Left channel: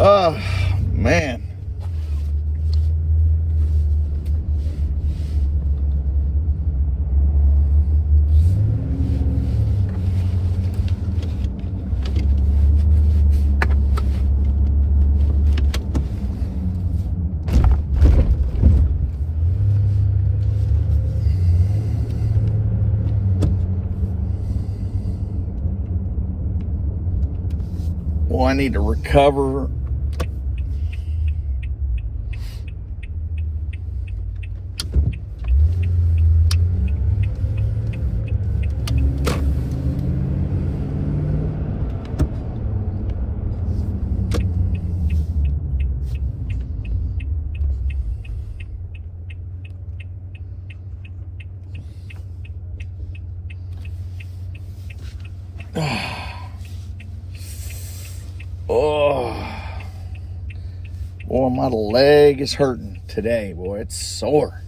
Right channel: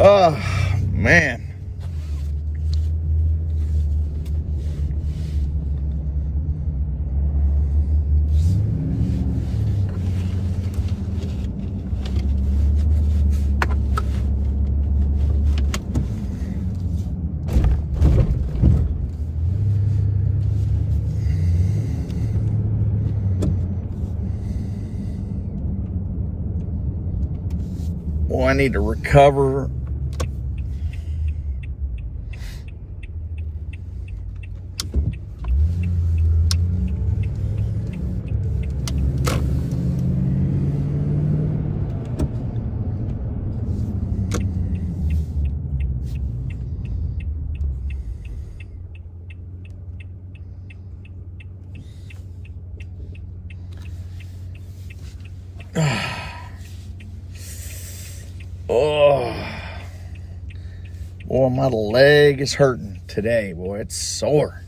Oh, man. Well, I need to recover. Oh, boy, my leg is hurting today, boy. It's sore.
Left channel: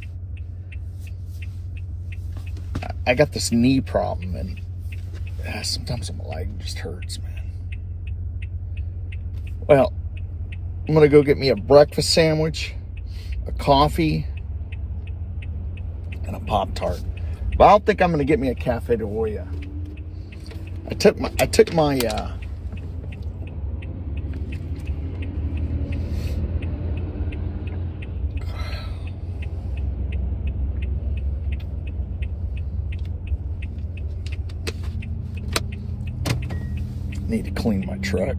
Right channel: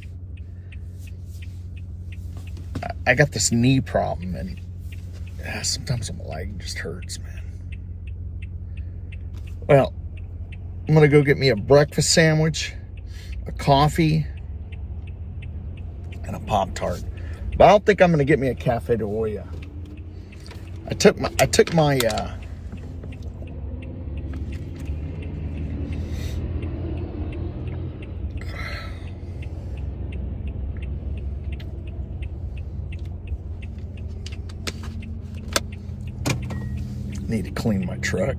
I got this knee problem, and sometimes my leg just hurts, man. Well, I'm going to go get me a breakfast sandwich, a coffee, and a Pop-Tart. But I don't think I'm going to get me a Cafe de Olla. I took my need to clean my truck.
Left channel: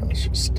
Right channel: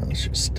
Let's just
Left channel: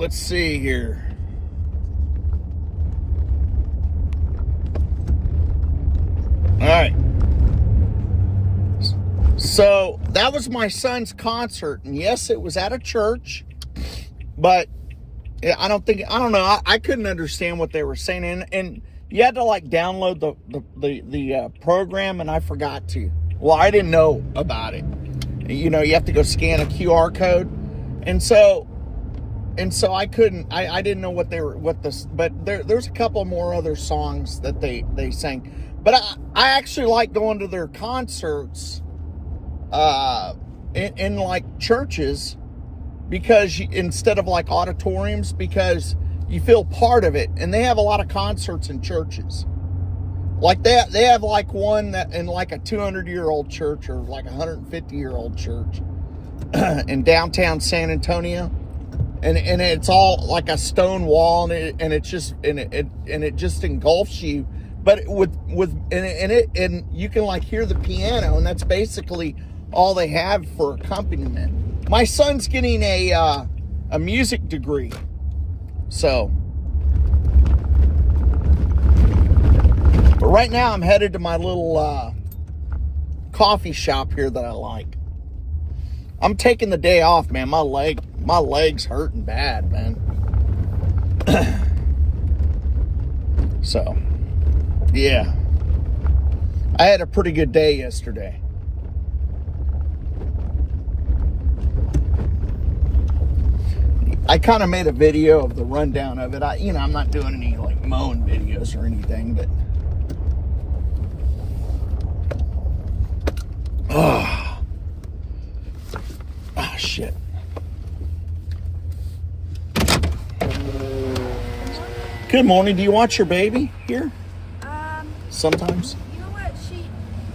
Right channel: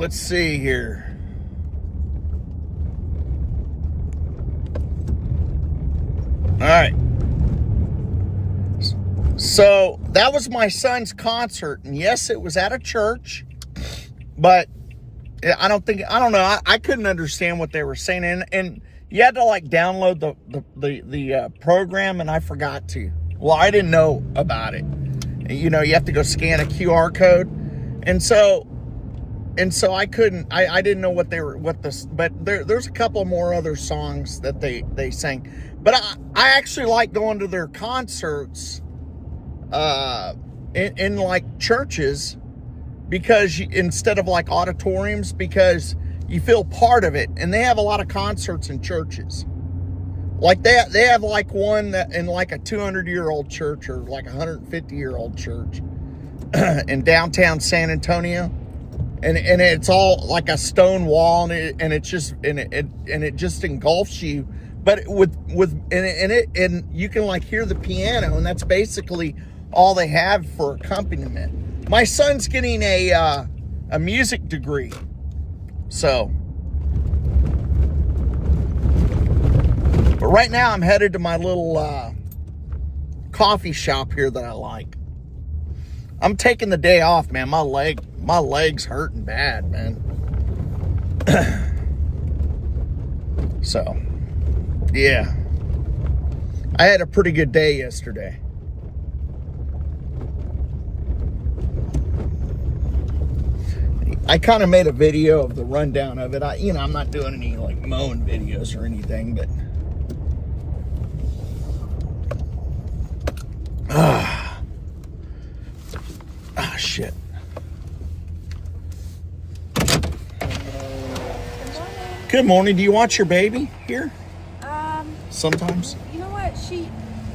let's see here. All right. So that was my son's concert. And yes, it was at a church, but I don't know. I couldn't understand what they were saying. And you had to like download the program, and I forgot to. Well, I didn't know about it. You know, you have to go scan a QR code. And so I couldn't, I didn't know what this, but there's a couple more other songs that they sang. But I actually like going to their concerts in like churches, because instead of like auditoriums, because you feel part of it. And they have a lot of concerts in churches. Like they have like one that in like a 200-year-old church, or like a 150-year-old church in downtown San Antonio. And it's all like a stone wall, and it just engulfs you. But and you can like hear the piano, and that's basically all they have for accompaniment. My son's getting a music degree, so. But right now I'm headed to my little coffee shop here that I like. I'm taking the day off, man. My leg's hurting bad, man. So, yeah. I had a pretty good day yesterday. I kind of made a video of the rundown of it. I'm not doing any like mowing videos or anything, but shit. Good morning. Do you watch your baby here? Sometimes. You know what?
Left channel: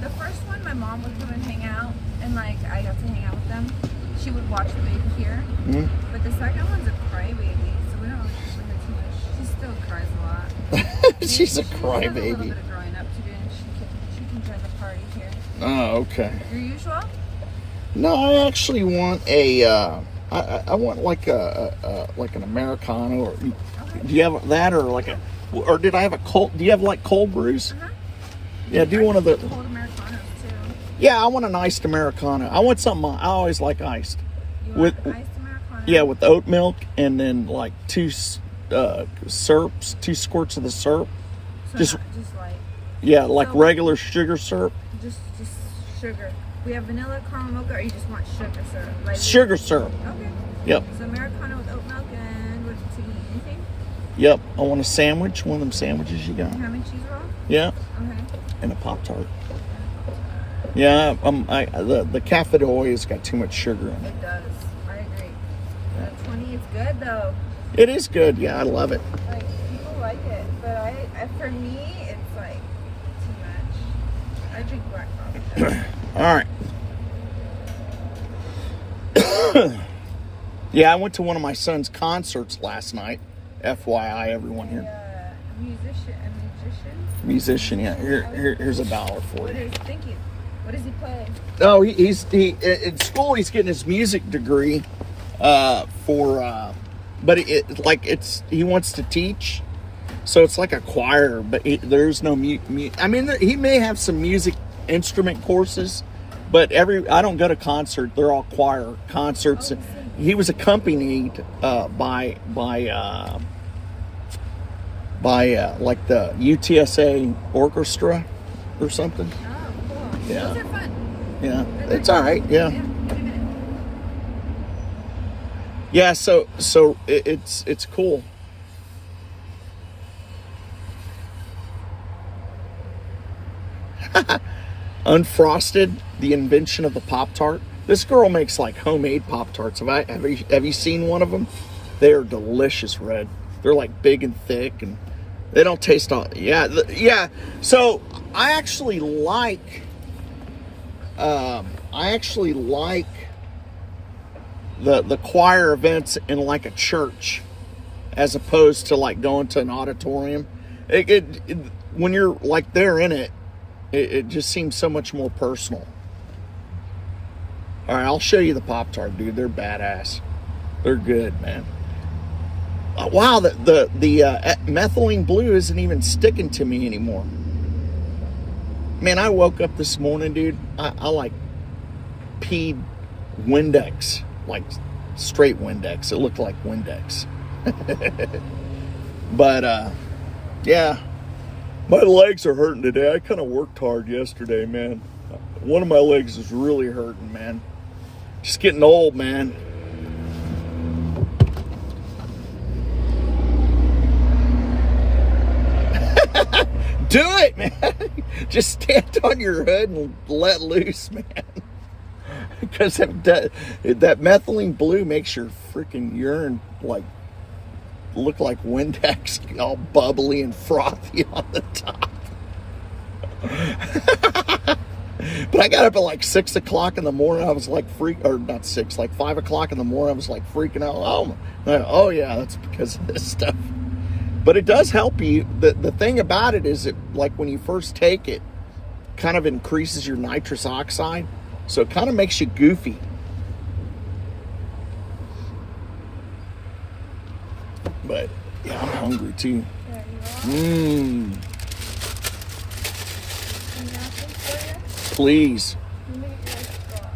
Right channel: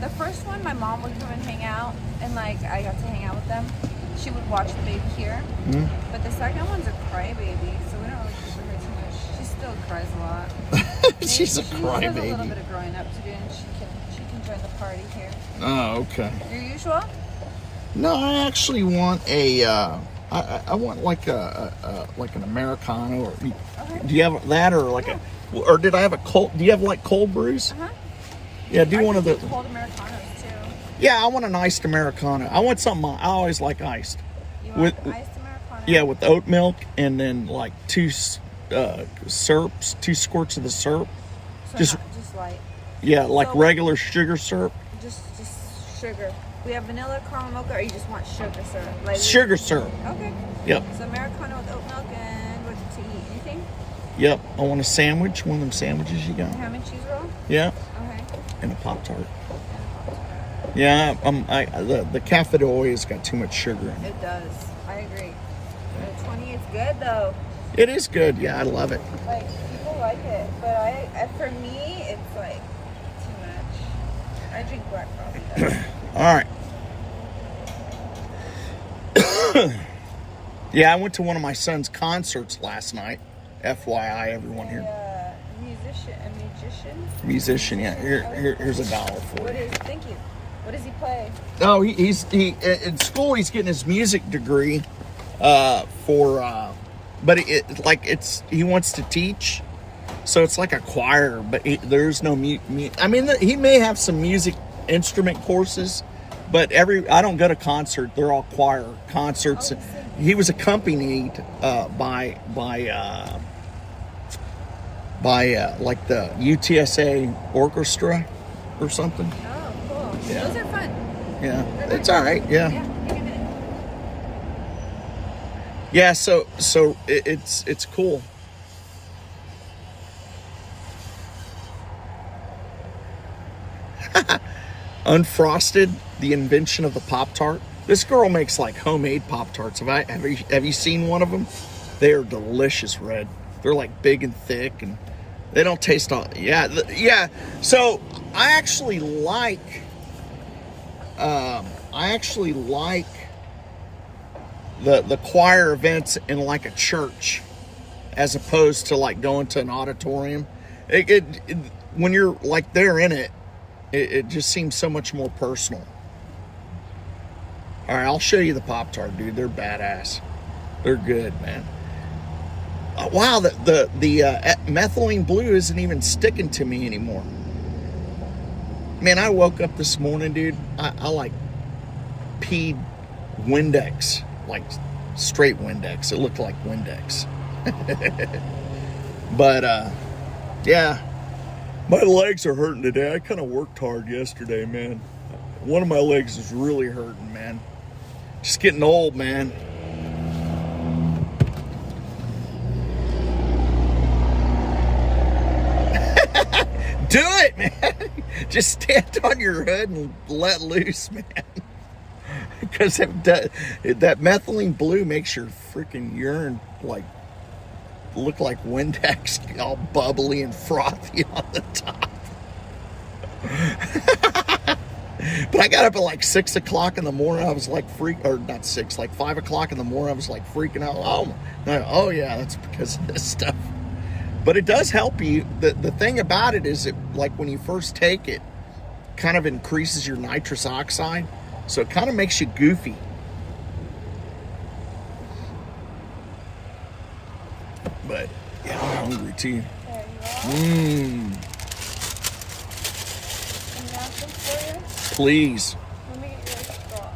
The first one, my mom would come and hang out, and like I got to hang out with them. She would watch the baby here. Mm-hmm. But the second one's a crybaby, so we don't really see her too much. She still cries a lot. She's a crybaby. She has a little bit of growing up to do, and she can join the party here. Oh, okay. Your usual? No, I actually want I want like an Americano, or do you have that, or like or did I have a cold? Do you have like cold brews? Yeah, do one of the cold Americanos too. Yeah, I want an iced Americano. I want something. I always like iced. You want iced Americano? Yeah, with oat milk, and then like two syrups, 2 squirts of the syrup. So just light. Yeah, like so, regular sugar syrup. Just sugar. We have vanilla, caramel mocha, or you just want sugar syrup? Like sugar syrup. Okay. Yep. So Americano with oat milk, and what to eat? Anything? Yep. I want a sandwich. One of them sandwiches you got. Ham and cheese roll? Yeah. Okay. And a Pop-Tart. Yeah. The Cafe de Hoy has got too much sugar in it. It does. I agree. 20 is good though. It is good. Yeah, I love it. Like people like it, but I for me it's like too much. I drink black coffee. All right. Yeah, I went to one of my son's concerts last night. FYI, everyone here. Musician, yeah. Here's $1 for you. Thank you. What does he play? Oh, he's in school. He's getting his music degree but he wants to teach, so it's like a choir. But there's no I mean, he may have some music instrument courses, but I don't go to concert. They're all choir concerts. Oh, he was accompanied by like the UTSA orchestra or something. Oh, cool. Yeah. Those are fun. Yeah, it's all right. Yeah. Yeah. So it's cool. Unfrosted, the invention of the Pop-Tart. This girl makes like homemade Pop-Tarts. Have you seen one of them? They are delicious, Red. They're like big and thick, and they don't taste all. Yeah. So I actually like the choir events in like a church, as opposed to like going to an auditorium. When you're like there in it, it just seems so much more personal. All right, I'll show you the Pop-Tart, dude. They're badass. They're good, man. Wow, the methylene blue isn't even sticking to me anymore. Man, I woke up this morning, dude. I like peed Windex, like straight Windex. It looked like Windex. But yeah, my legs are hurting today. I kind of worked hard yesterday, man. One of my legs is really hurting, man. Just getting old, man. Do it, man. Just stand on your head and let loose, man. Because that methylene blue makes your freaking urine look like Windex, all bubbly and frothy on the top. But I got up at like 6 o'clock in the morning. I was like not 6, like 5 o'clock in the morning. I was like freaking out. Oh yeah, that's because of this stuff. But it does help you. The thing about it is it, like when you first take it, kind of increases your nitrous oxide. So it kind of makes you goofy. But yeah, I'm hungry too. Please. Let me get your score.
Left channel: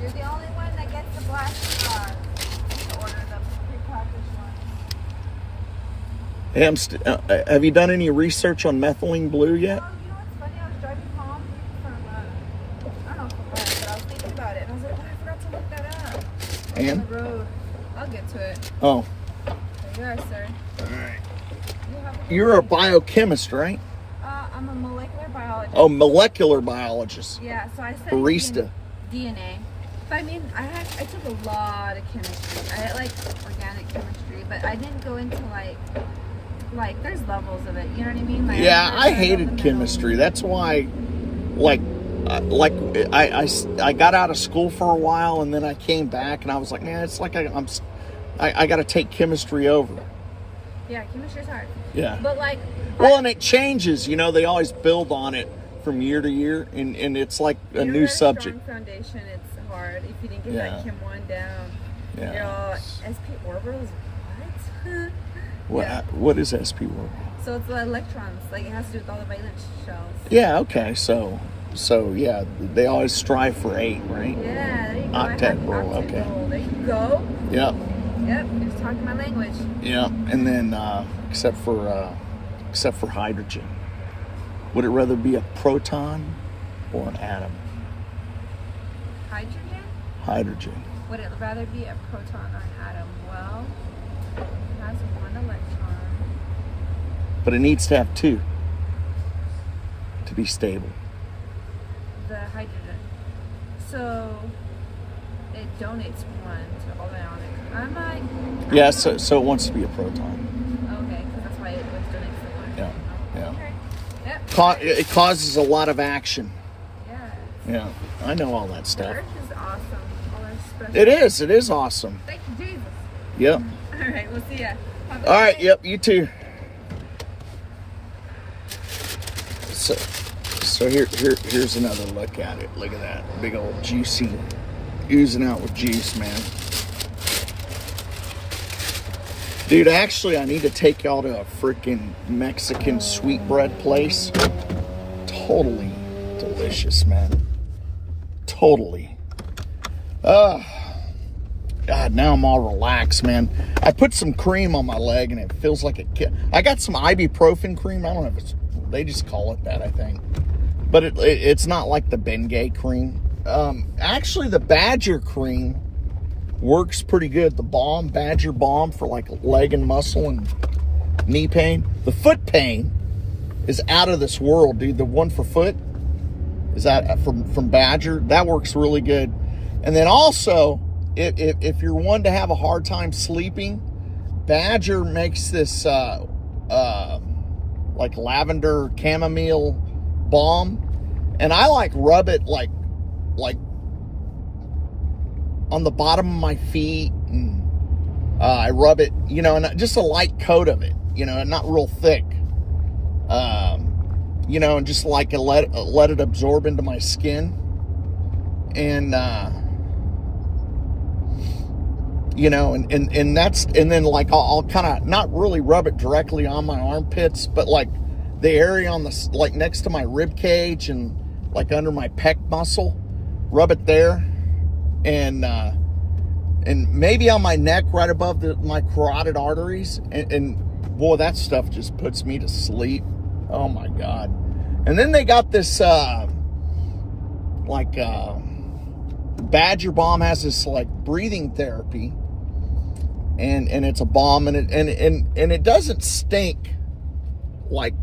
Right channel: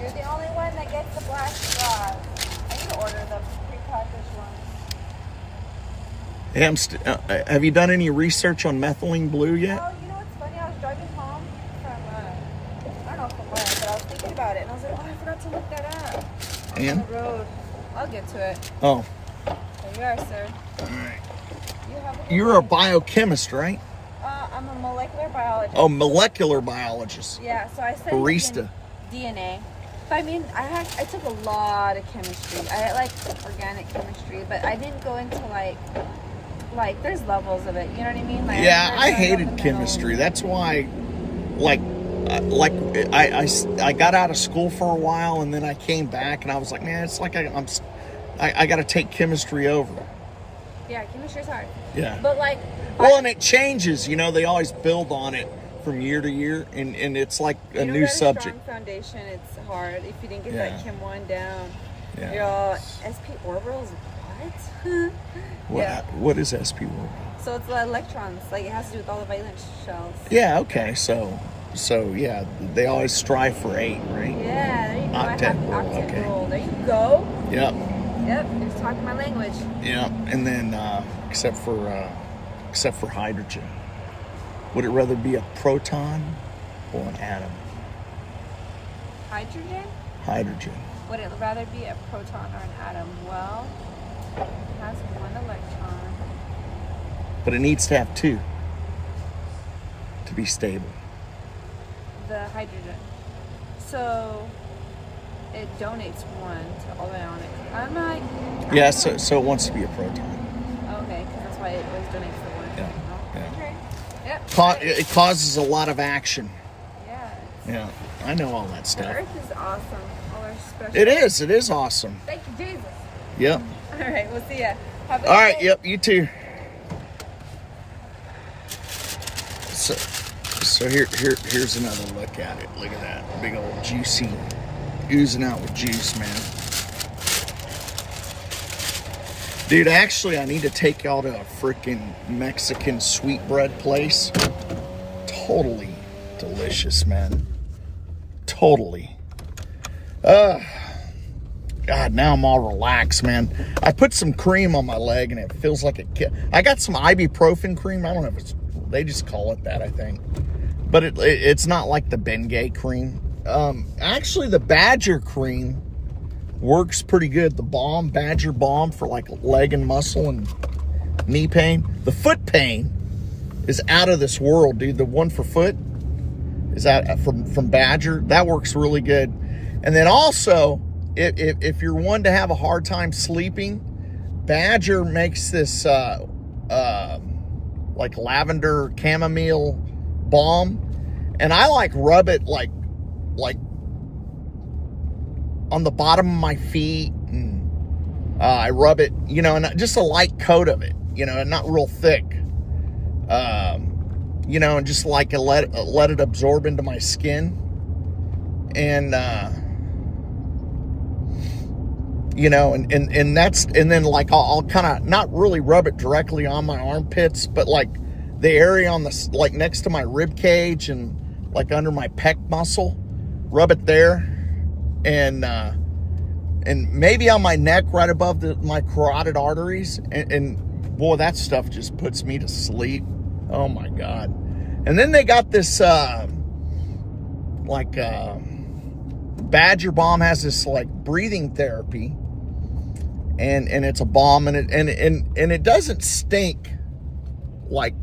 You're the only one that gets the black straw. I can order the prepackaged one. Hey, have you done any research on methylene blue yet? Well, you know what's funny? I was driving home from, I don't know from where, but I was thinking about it. And I was like, oh, I forgot to look that up. And? On the road. I'll get to it. Oh. There you are, sir. All right. You You're a biochemist, right? I'm a molecular biologist. Oh, molecular biologist. Yeah, so I studied Barista. DNA. But I mean, I took a lot of chemistry. I had like organic chemistry, but I didn't go into like there's levels of it. You know what I mean? Like, Yeah, I hated chemistry. That's why, I got out of school for a while, and then I came back, and I was like, man, it's like I got to take chemistry over. Yeah, chemistry's hard. Yeah. But like. Well, and it changes. You know, they always build on it from year to year, and it's like a new subject. Strong foundation, it's hard. If you didn't get that Chem 1 down, Yeah. you're all SP orbitals. What? What is SP orbital? So it's the electrons. Like it has to do with all the valence shells. Yeah. Okay. So yeah, they always strive for 8, right? Yeah. There you go. Octet rule. Octet Okay. rule. There you go. Yep. Yep. Just talking my language. Yeah. And then except for hydrogen, would it rather be a proton or an atom? Hydrogen? Hydrogen. Would it rather be a proton or an atom? Well, it has 1 electron. But it needs to have 2 to be stable. The hydrogen. So it donates 1 to all the ionic. I'm like. Yeah. So it wants to be a proton. Okay, because that's why it was donates the 1. Yeah. Yeah. Okay. Yep. It causes a lot of action. Yeah. Yeah. I know all that The stuff. Earth is awesome. All our special. It is. It is awesome. Thank you, Jesus. Yep. All right, we'll see ya. Have a All right. good Yep. You too. So here's another look at it. Look at that big old juicy, oozing out with juice, man. Dude, actually, I need to take y'all to a freaking Mexican sweetbread place. Totally delicious, man. Totally. God, now I'm all relaxed, man. I put some cream on my leg, and it feels like I got some ibuprofen cream. I don't know if they just call it that, I think. But it's not like the Bengay cream. Actually, the Badger cream works pretty good. The balm, Badger balm for like leg and muscle and knee pain. The foot pain is out of this world, dude. The one for foot is that from Badger. That works really good. And then also, if you're one to have a hard time sleeping, Badger makes this like lavender chamomile balm, and I like rub it like on the bottom of my feet, and I rub it, you know, and just a light coat of it, you know, and not real thick, you know, and just like let it absorb into my skin, and and that's, and then like I'll kind of not really rub it directly on my armpits, but like the area on the, like next to my rib cage and like under my pec muscle, rub it there, and maybe on my neck right above my carotid arteries, and boy, that stuff just puts me to sleep. Oh my God. And then they got this Badger Balm has this like breathing therapy, and it's a balm, and it doesn't stink like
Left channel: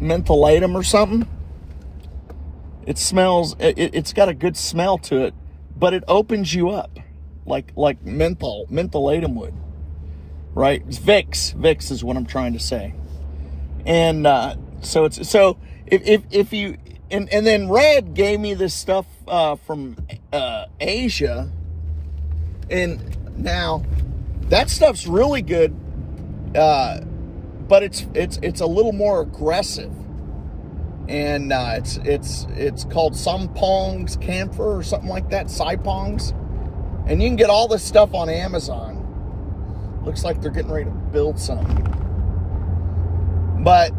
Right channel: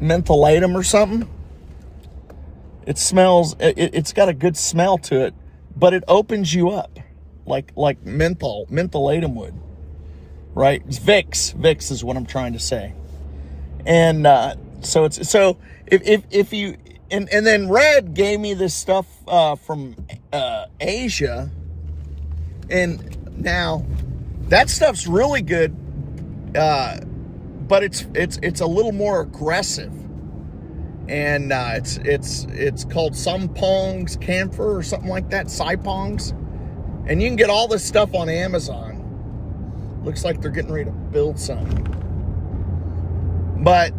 mentholatum or something. It smells, it's got a good smell to it, but it opens you up like mentholatum would, right? It's Vicks is what I'm trying to say. And so if you, and then Red gave me this stuff from Asia, and now that stuff's really good, but it's a little more aggressive, and it's called Sampongs Camphor or something like that, Saipongs, and you can get all this stuff on Amazon. Looks like they're getting ready to build something, but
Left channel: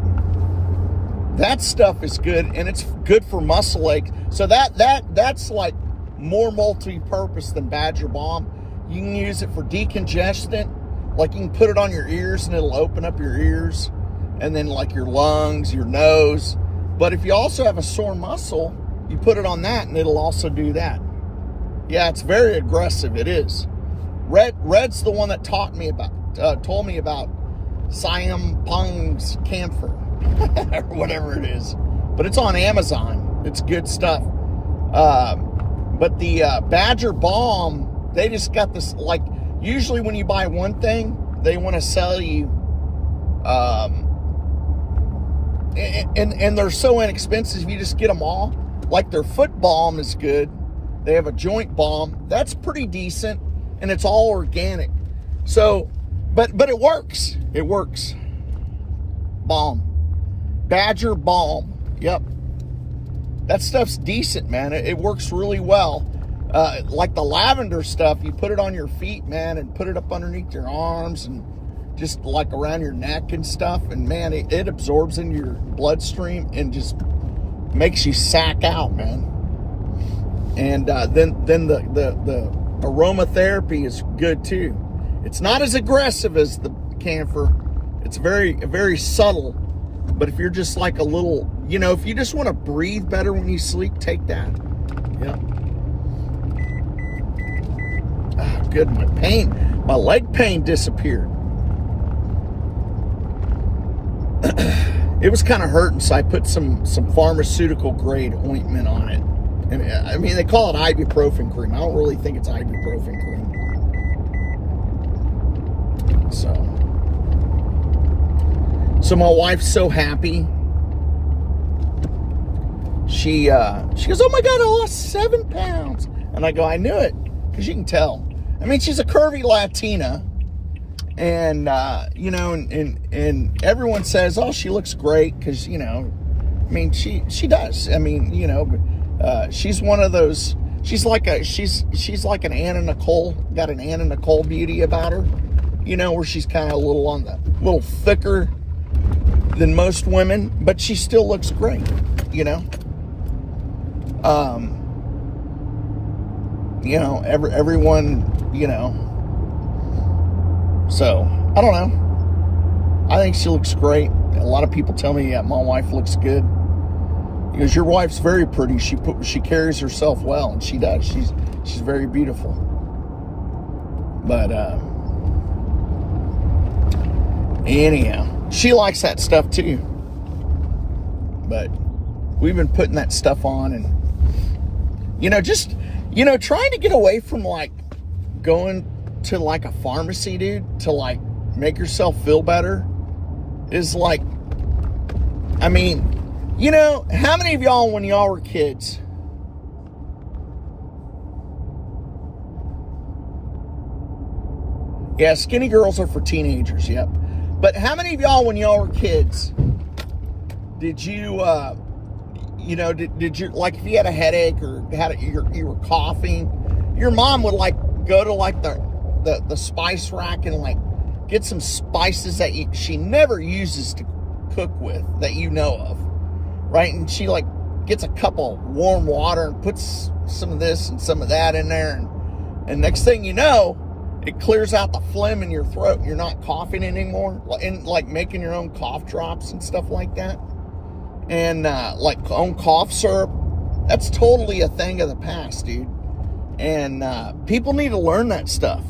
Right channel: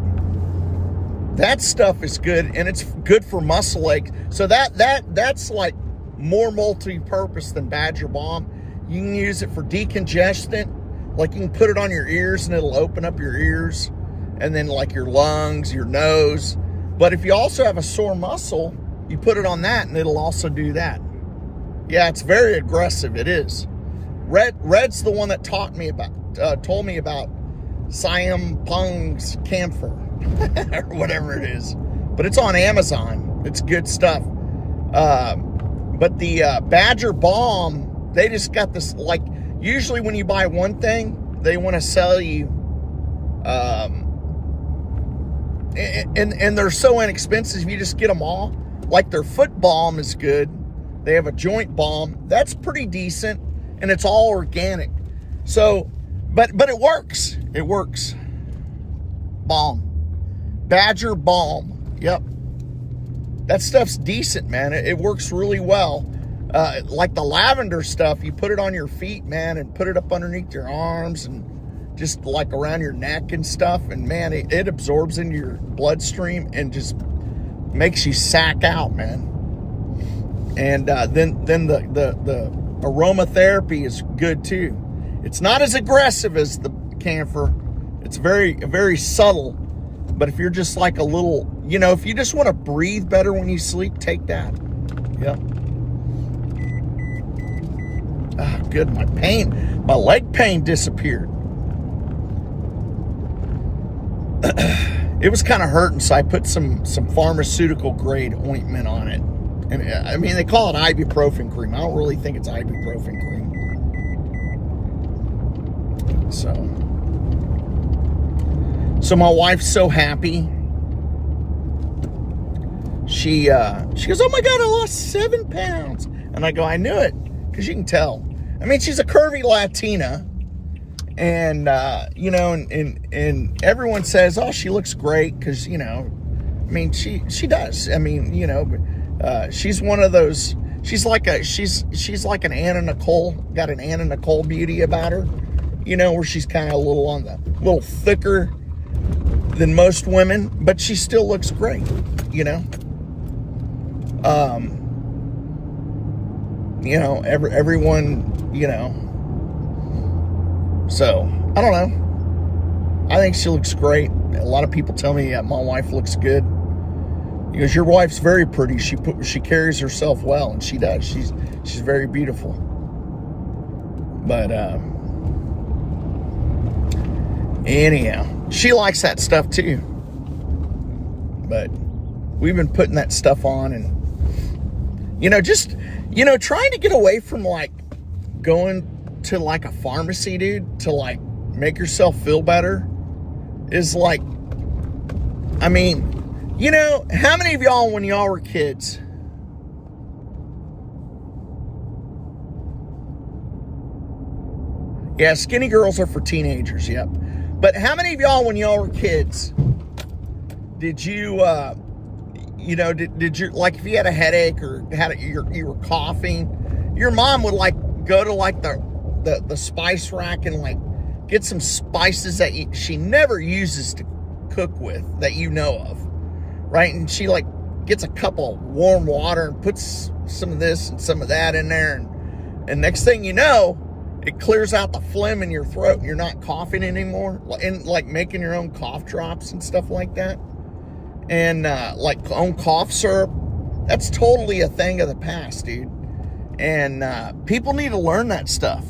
that stuff is good, and it's good for muscle aches. So that's like more multi-purpose than Badger Balm. You can use it for decongestant, like you can put it on your ears and it'll open up your ears, and then like your lungs, your nose. But if you also have a sore muscle, you put it on that and it'll also do that. Yeah, it's very aggressive. It is. Red's the one that told me about Sampongs Camphor or whatever it is, but it's on Amazon. It's good stuff. But the Badger Balm, they just got this, like, usually when you buy one thing, they want to sell you, and they're so inexpensive, you just get them all. Like their foot balm is good. They have a joint balm that's pretty decent, and it's all organic. So, but it works. It works. Balm. Badger Balm. Yep. That stuff's decent, man. It works really well. Like the lavender stuff, you put it on your feet, man, and put it up underneath your arms and just like around your neck and stuff. And man, it absorbs into your bloodstream and just makes you sack out, man. And then the aromatherapy is good too. It's not as aggressive as the camphor. It's very subtle. But if you're just like a little, if you just want to breathe better when you sleep, take that. Yep. Ah, good. My leg pain disappeared. It was kind of hurting, so I put some pharmaceutical grade ointment on it. And I mean, they call it ibuprofen cream. I don't really think it's ibuprofen cream. So my wife's so happy. She goes, "Oh my God, I lost 7 pounds." And I go, "I knew it," because you can tell. I mean, she's a curvy Latina, and and everyone says, "Oh, she looks great," because I mean, she does. I mean, she's one of those. She's like an Anna Nicole, got an Anna Nicole beauty about her, where she's kind of a little thicker than most women, but she still looks great, everyone, so I don't know. I think she looks great. A lot of people tell me, yeah, my wife looks good. Because your wife's very pretty. She carries herself well, and she does. She's very beautiful. But anyhow, she likes that stuff too. But we've been putting that stuff on, and trying to get away from like going to like a pharmacy, dude, to like make yourself feel better is like, I mean, how many of y'all, when y'all were kids, yeah, skinny girls are for teenagers, yep. But how many of y'all, when y'all were kids, did you, did you, like, if you had a headache or you were coughing, your mom would like go to like the the spice rack and like get some spices that she never uses to cook with that you know of, right? And she like gets a cup of warm water and puts some of this and some of that in there, and next thing you know, it clears out the phlegm in your throat and you're not coughing anymore, and like making your own cough drops and stuff like that, and like own cough syrup. That's totally a thing of the past, dude. And people need to learn that stuff.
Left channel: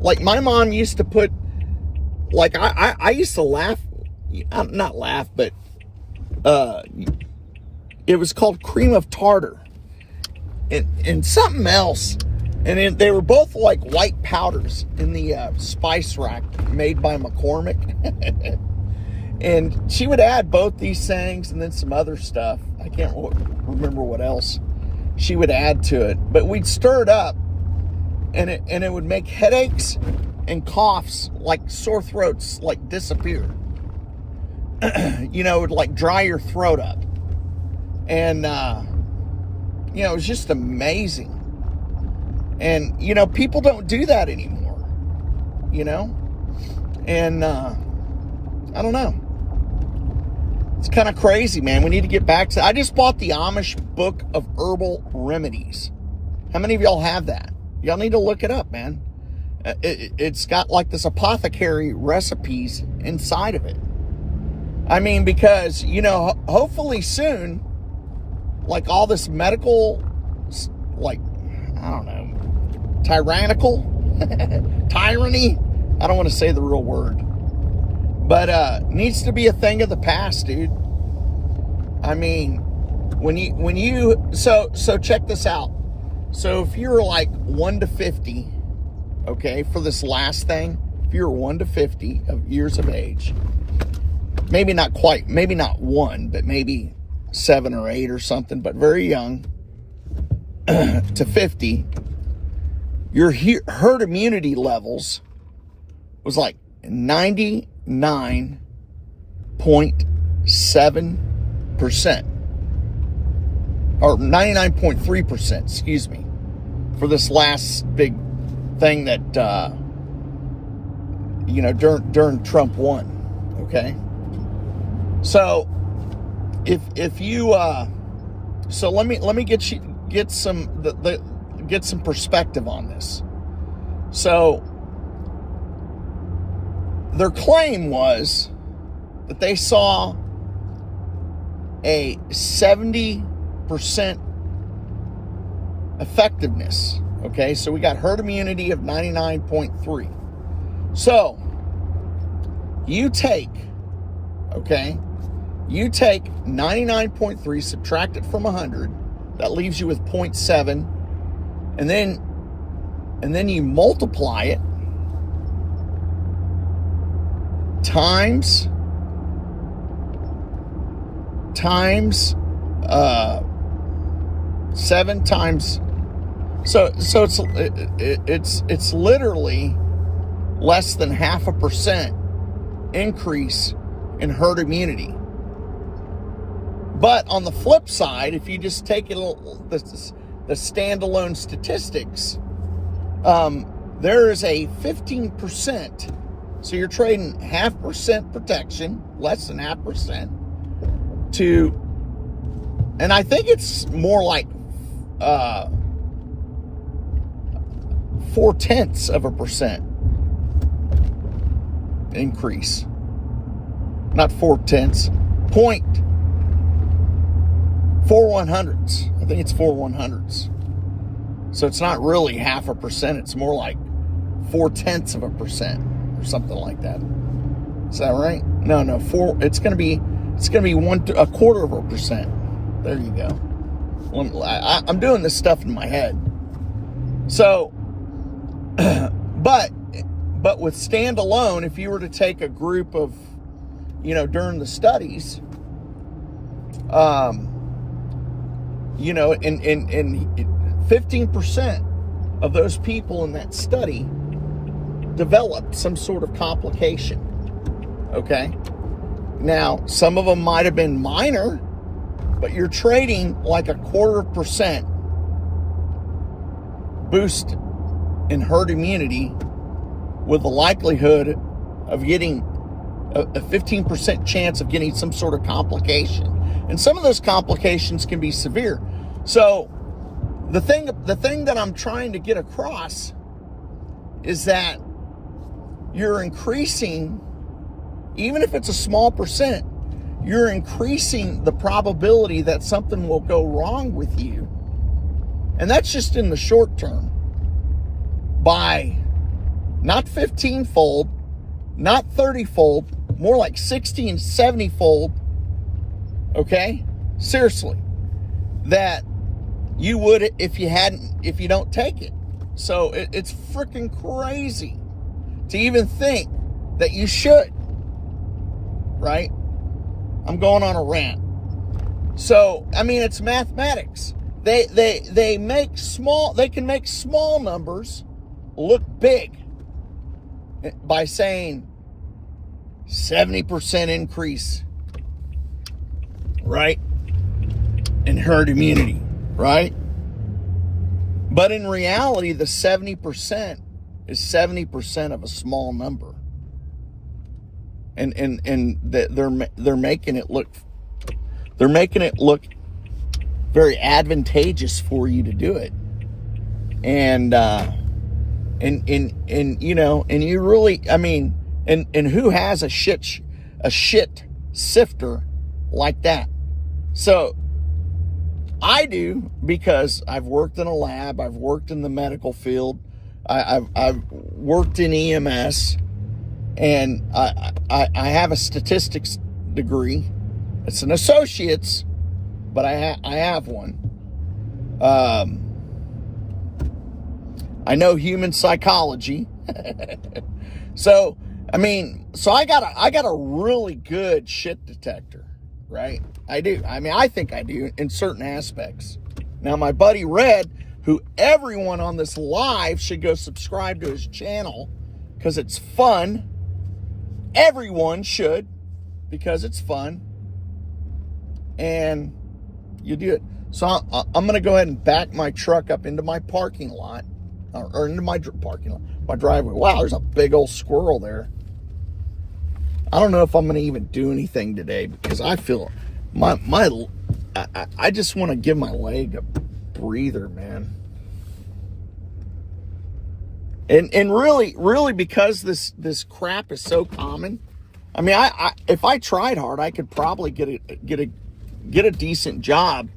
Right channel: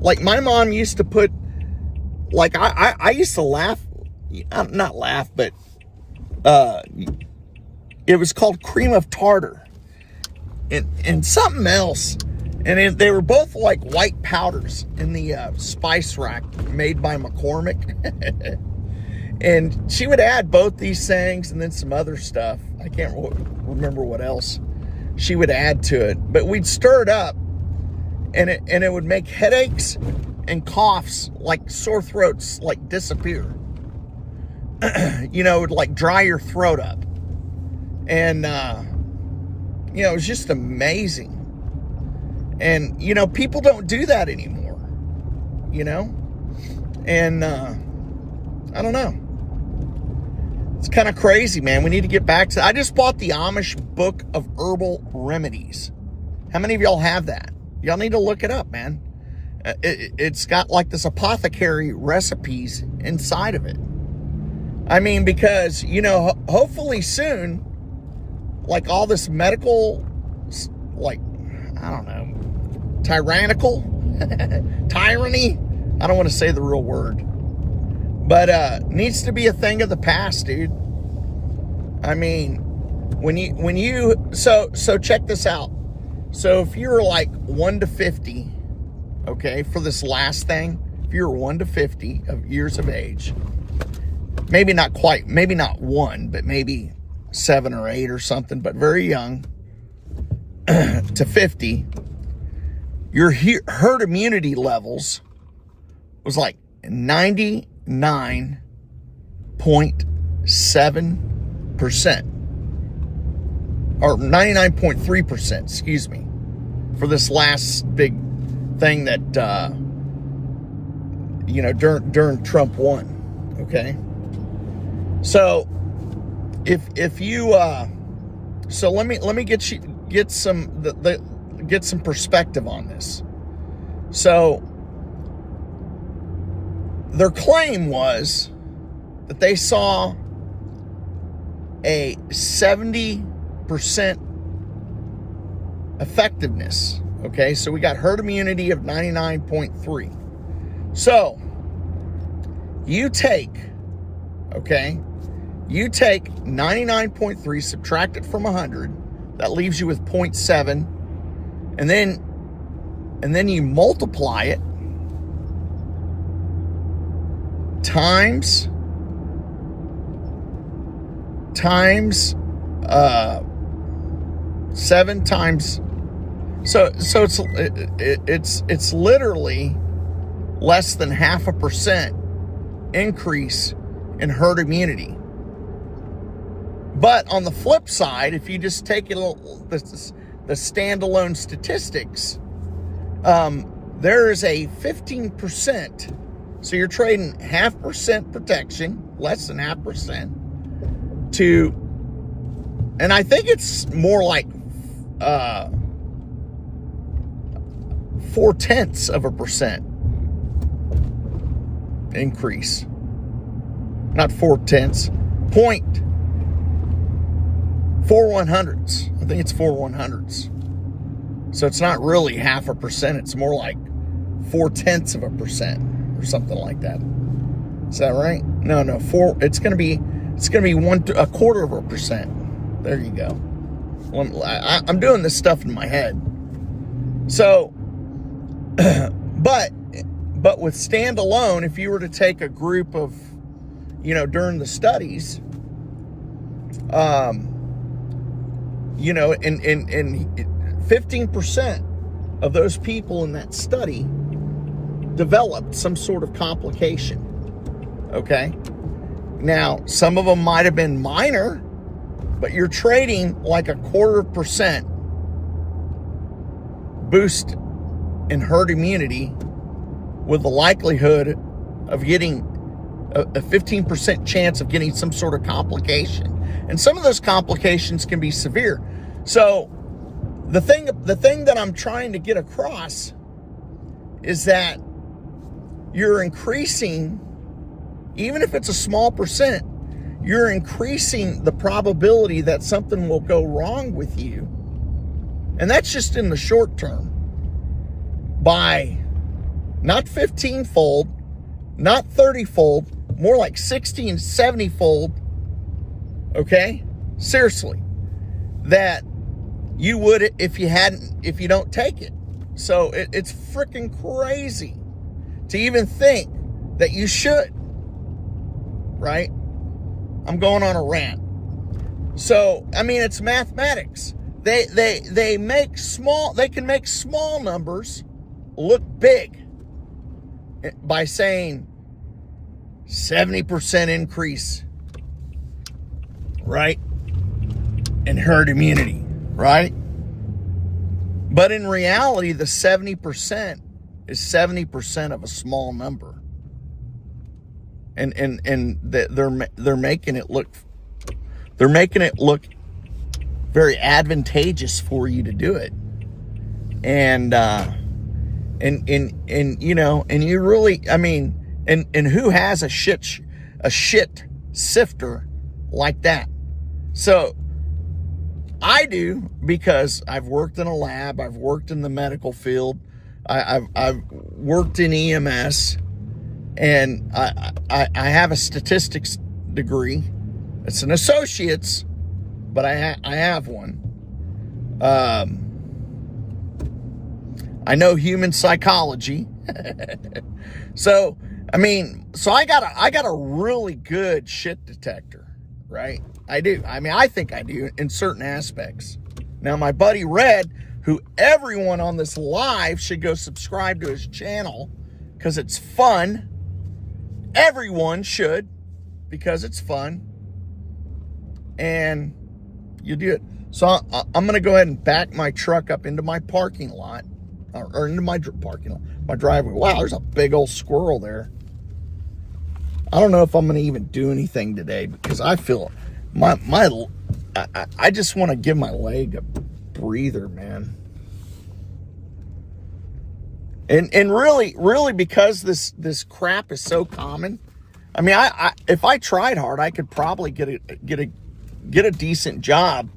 Like my mom used to put, like I used to laugh, not laugh, but it was called cream of tartar and something else. And they were both like white powders in the spice rack made by McCormick. And she would add both these things and then some other stuff. I can't remember what else she would add to it. But we'd stir it up, and it would make headaches and coughs, like sore throats, like disappear. You know, it would like dry your throat up. And, you know, it was just amazing. And, you know, people don't do that anymore, you know? And, I don't know. It's kind of crazy, man. We need to get back to... I just bought the Amish Book of Herbal Remedies. How many of y'all have that? Y'all need to look it up, man. It's got like this apothecary recipes inside of it. I mean, because, you know, hopefully soon, like all this medical, like, I don't know, tyrannical, tyranny. I don't want to say the real word. But needs to be a thing of the past, dude. I mean, when you so check this out. So if you're like 1 to 50, okay, for this last thing, if you're 1 to 50 of years of age, maybe not quite, maybe not 1, but maybe 7 or 8 or something, but very young to 50, your herd immunity levels was like 99.7%, or 99.3%, excuse me, for this last big thing that, you know, during Trump won, okay? So, if you, so let me get some perspective on this. So, their claim was that they saw a 70% effectiveness. Okay, so we got herd immunity of 99.3. So you take 99.3, subtract it from 100, that leaves you with 0.7, and then you multiply it times 7 times, so it's literally less than 0.5% increase in herd immunity. But on the flip side, if you just take the standalone statistics, there is a 15%. So you're trading 0.5% protection, less than 0.5%, to, and I think it's more like 0.4% increase. Not 0.4, 0.41. I think it's 0.41. So it's not really 0.5%. It's more like 0.4%. Or something like that. Is that right? No. It's gonna be 0.25%. There you go. I'm doing this stuff in my head. So, but with standalone, if you were to take a group of, you know, during the studies, you know, and 15% of those people in that study developed some sort of complication. Okay, now some of them might have been minor, but you're trading like 0.25% boost and herd immunity with the likelihood of getting a 15% chance of getting some sort of complication. And some of those complications can be severe. So the thing that I'm trying to get across is that you're increasing, even if it's a small percent, you're increasing the probability that something will go wrong with you. And that's just in the short term. By not 15-fold, not 30-fold, more like 60 and 70-fold, okay? Seriously, that you would if you don't take it. So it's freaking crazy to even think that you should, right? I'm going on a rant. So, I mean, it's mathematics. They can make small numbers look big by saying 70% increase, right? In herd immunity, right? But in reality, the 70% is 70% of a small number. And they're making it look very advantageous for you to do it. And you know, and you really, I mean, and who has a shit sifter like that? So I do, because I've worked in a lab, I've worked in the medical field, I've worked in EMS, and I have a statistics degree. It's an associate's, but I have one. I know human psychology. So, I mean, so I got a really good shit detector, right? I do. I mean, I think I do in certain aspects. Now, my buddy Red, who everyone on this live should go subscribe to his channel because it's fun. Everyone should, because it's fun. And you do it. So I'm going to go ahead and back my truck up into my parking lot, or into my parking lot, my driveway. Wow, there's a big old squirrel there. I don't know if I'm going to even do anything today, because I feel I just want to give my leg a breather, man. And really, because this crap is so common. I mean, I if I tried hard, I could probably get a decent job,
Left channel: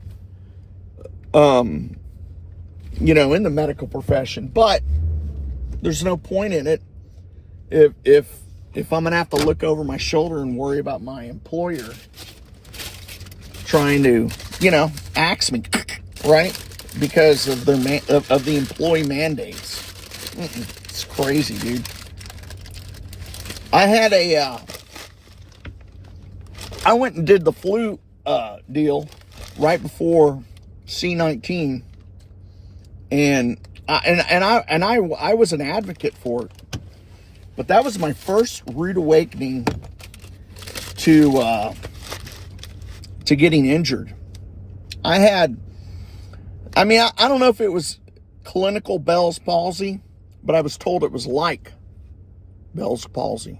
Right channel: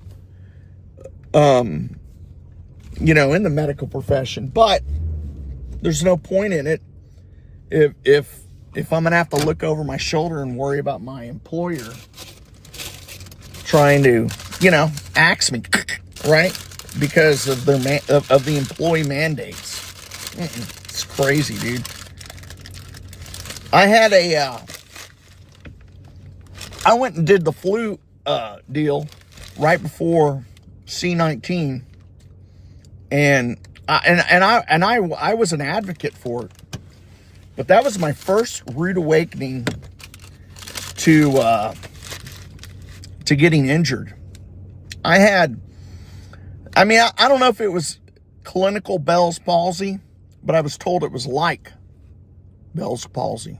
you know, in the medical profession. But there's no point in it if I'm gonna have to look over my shoulder and worry about my employer trying to, you know, axe me, right? Because of the employee mandates. It's crazy, dude. I had I went and did the flu deal right before C-19, and I was an advocate for it. But that was my first rude awakening to getting injured. I don't know if it was clinical Bell's palsy, but I was told it was like Bell's palsy.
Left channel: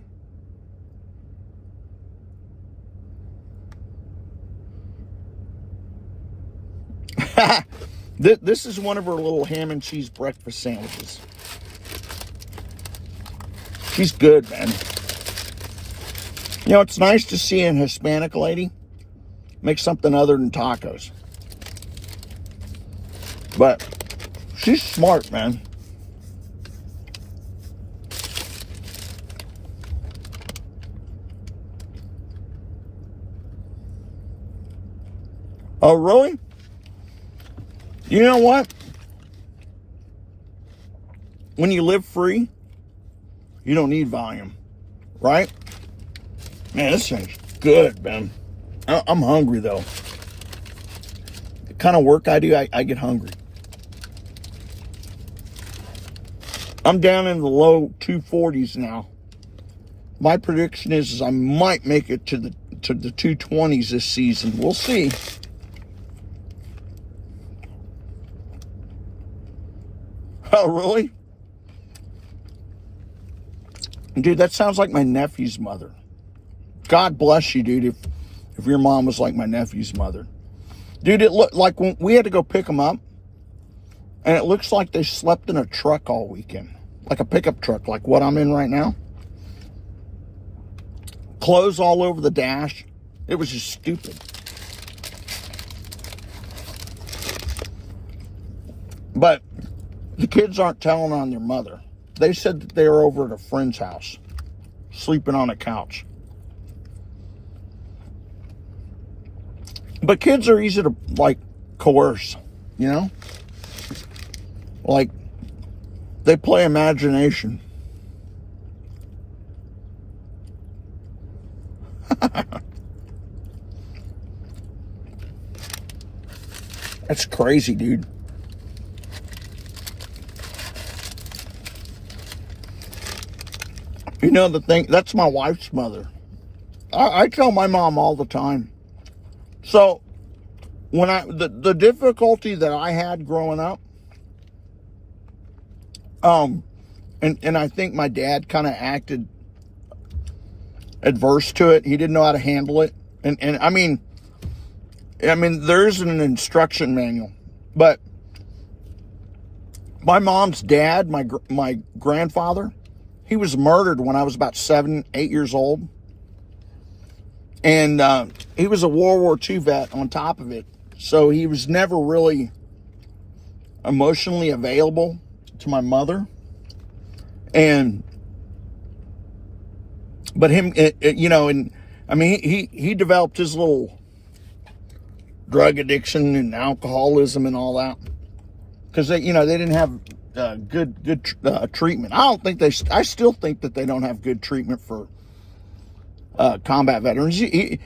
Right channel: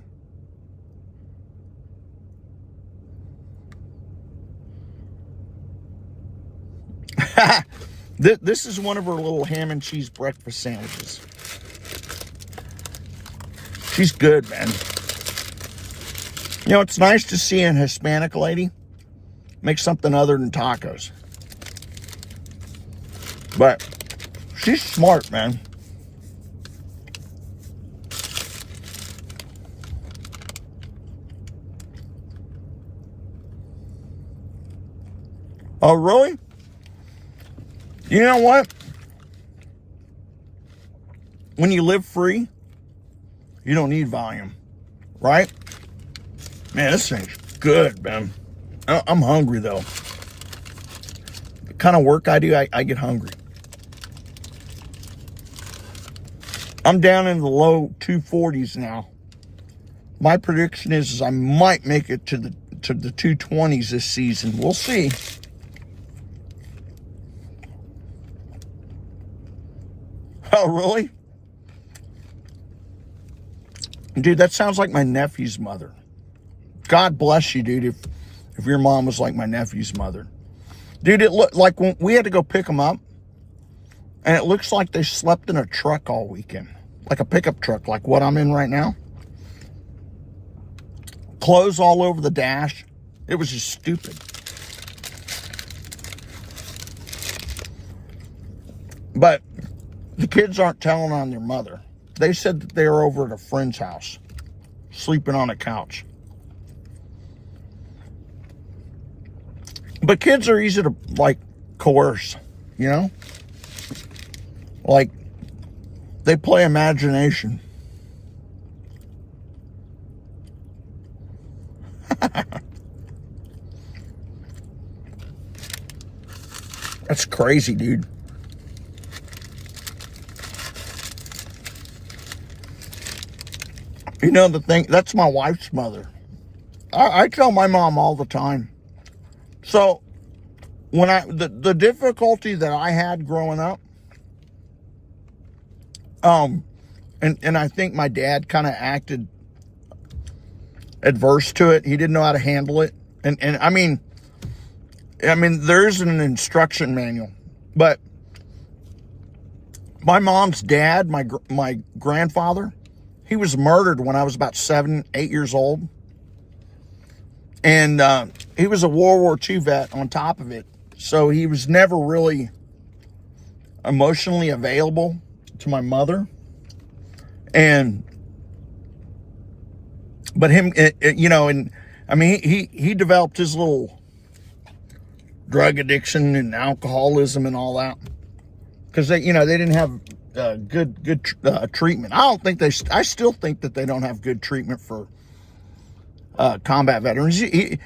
This is one of her little ham and cheese breakfast sandwiches. She's good, man. You know, it's nice to see a Hispanic lady make something other than tacos. But she's smart, man. Oh, really? You know what? When you live free, you don't need volume, right? Man, this thing's good, man. I'm hungry, though. The kind of work I do, I get hungry. I'm down in the low 240s now. My prediction is I might make it to the 220s this season. We'll see. Oh, really? Dude, that sounds like my nephew's mother. God bless you, dude, if your mom was like my nephew's mother. Dude, it looked like when we had to go pick them up, and it looks like they slept in a truck all weekend. Like a pickup truck, like what I'm in right now. Clothes all over the dash. It was just stupid. But the kids aren't telling on their mother. They said that they were over at a friend's house, sleeping on a couch. But kids are easy to, like, coerce, you know? Like, they play imagination. That's crazy, dude. You know the thing, that's my wife's mother. I tell my mom all the time. So, when the difficulty that I had growing up, and I think my dad kind of acted adverse to it. He didn't know how to handle it. And I mean, there isn't an instruction manual, but my mom's dad, my grandfather, he was murdered when I was about 7, 8 years old. And he was a World War II vet on top of it. So he was never really emotionally available to my mother. But him, you know, and I mean, he developed his little drug addiction and alcoholism and all that. Because they didn't have good treatment. I still think that they don't have good treatment for combat veterans. He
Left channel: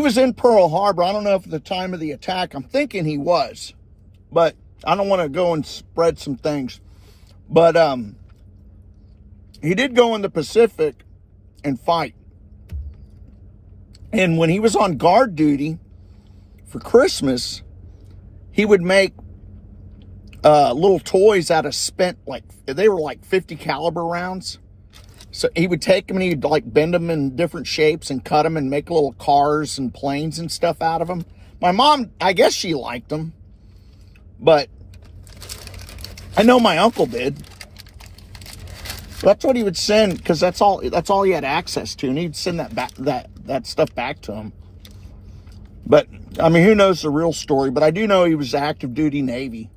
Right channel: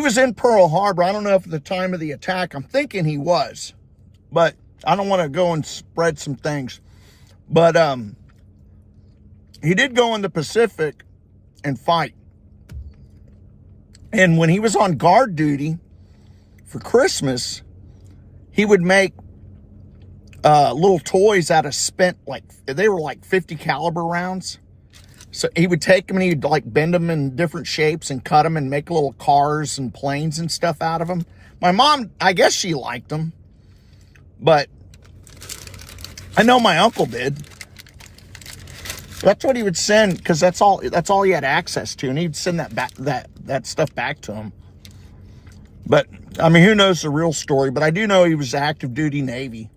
was in Pearl Harbor. I don't know if at the time of the attack, I'm thinking he was, but I don't want to go and spread some things. But he did go in the Pacific and fight. And when he was on guard duty for Christmas, he would make little toys out of spent, they were like 50 caliber rounds. So he would take them and he'd like bend them in different shapes and cut them and make little cars and planes and stuff out of them. My mom, I guess she liked them, but I know my uncle did. That's what he would send, because that's all he had access to, and he'd send that stuff back to him. But I mean, who knows the real story? But I do know he was active duty Navy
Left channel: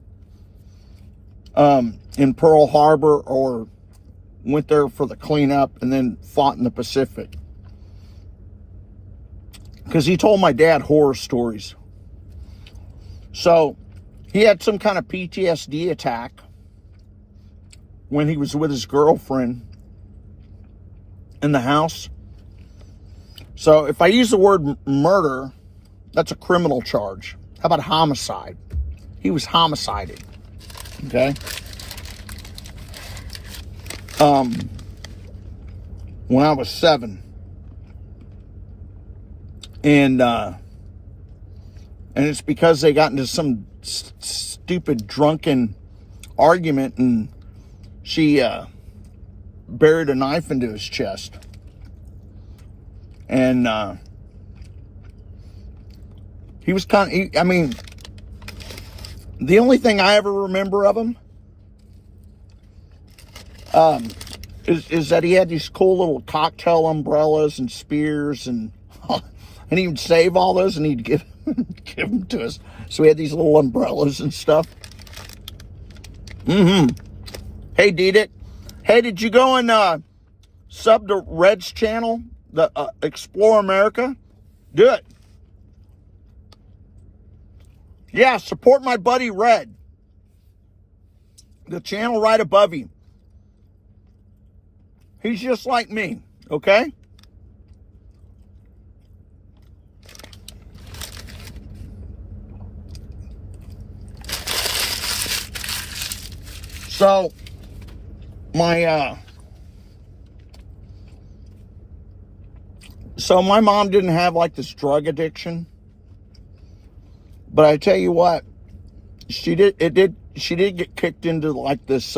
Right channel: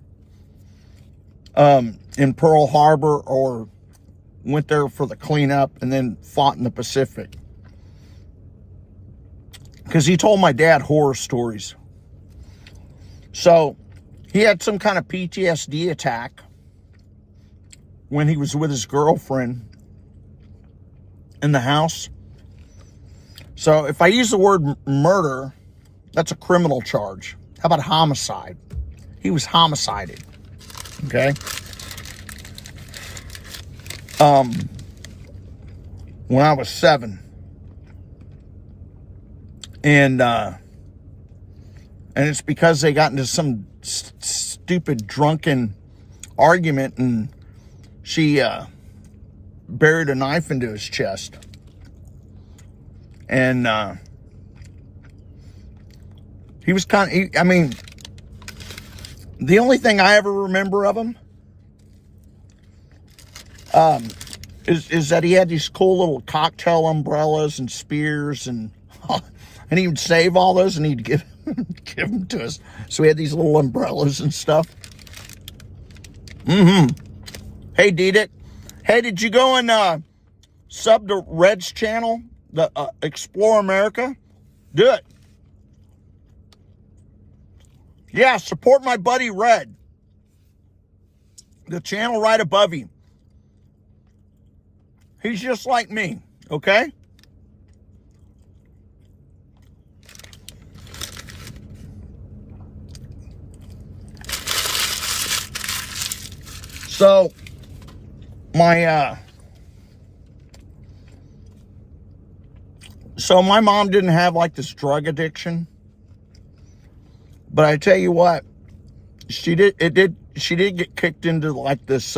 in Pearl Harbor, or went there for the cleanup and then fought in the Pacific. Because he told my dad horror stories. So he had some kind of PTSD attack when he was with his girlfriend in the house. So if I use the word murder, that's a criminal charge. How about homicide? He was homicided. Okay? When I was 7. And it's because they got into some stupid drunken argument, and she buried a knife into his chest. And he was the only thing I ever remember of him is that he had these cool little cocktail umbrellas and spears, and he would save all those and he'd give them to us. So we had these little umbrellas and stuff. Hey, Didic. Hey, did you go and sub to Red's channel, the Explore America? Do it. Yeah, support my buddy Red. The channel right above you. He's just like me, okay? So, my mom didn't have like this drug addiction. But I tell you what, she did get kicked into like this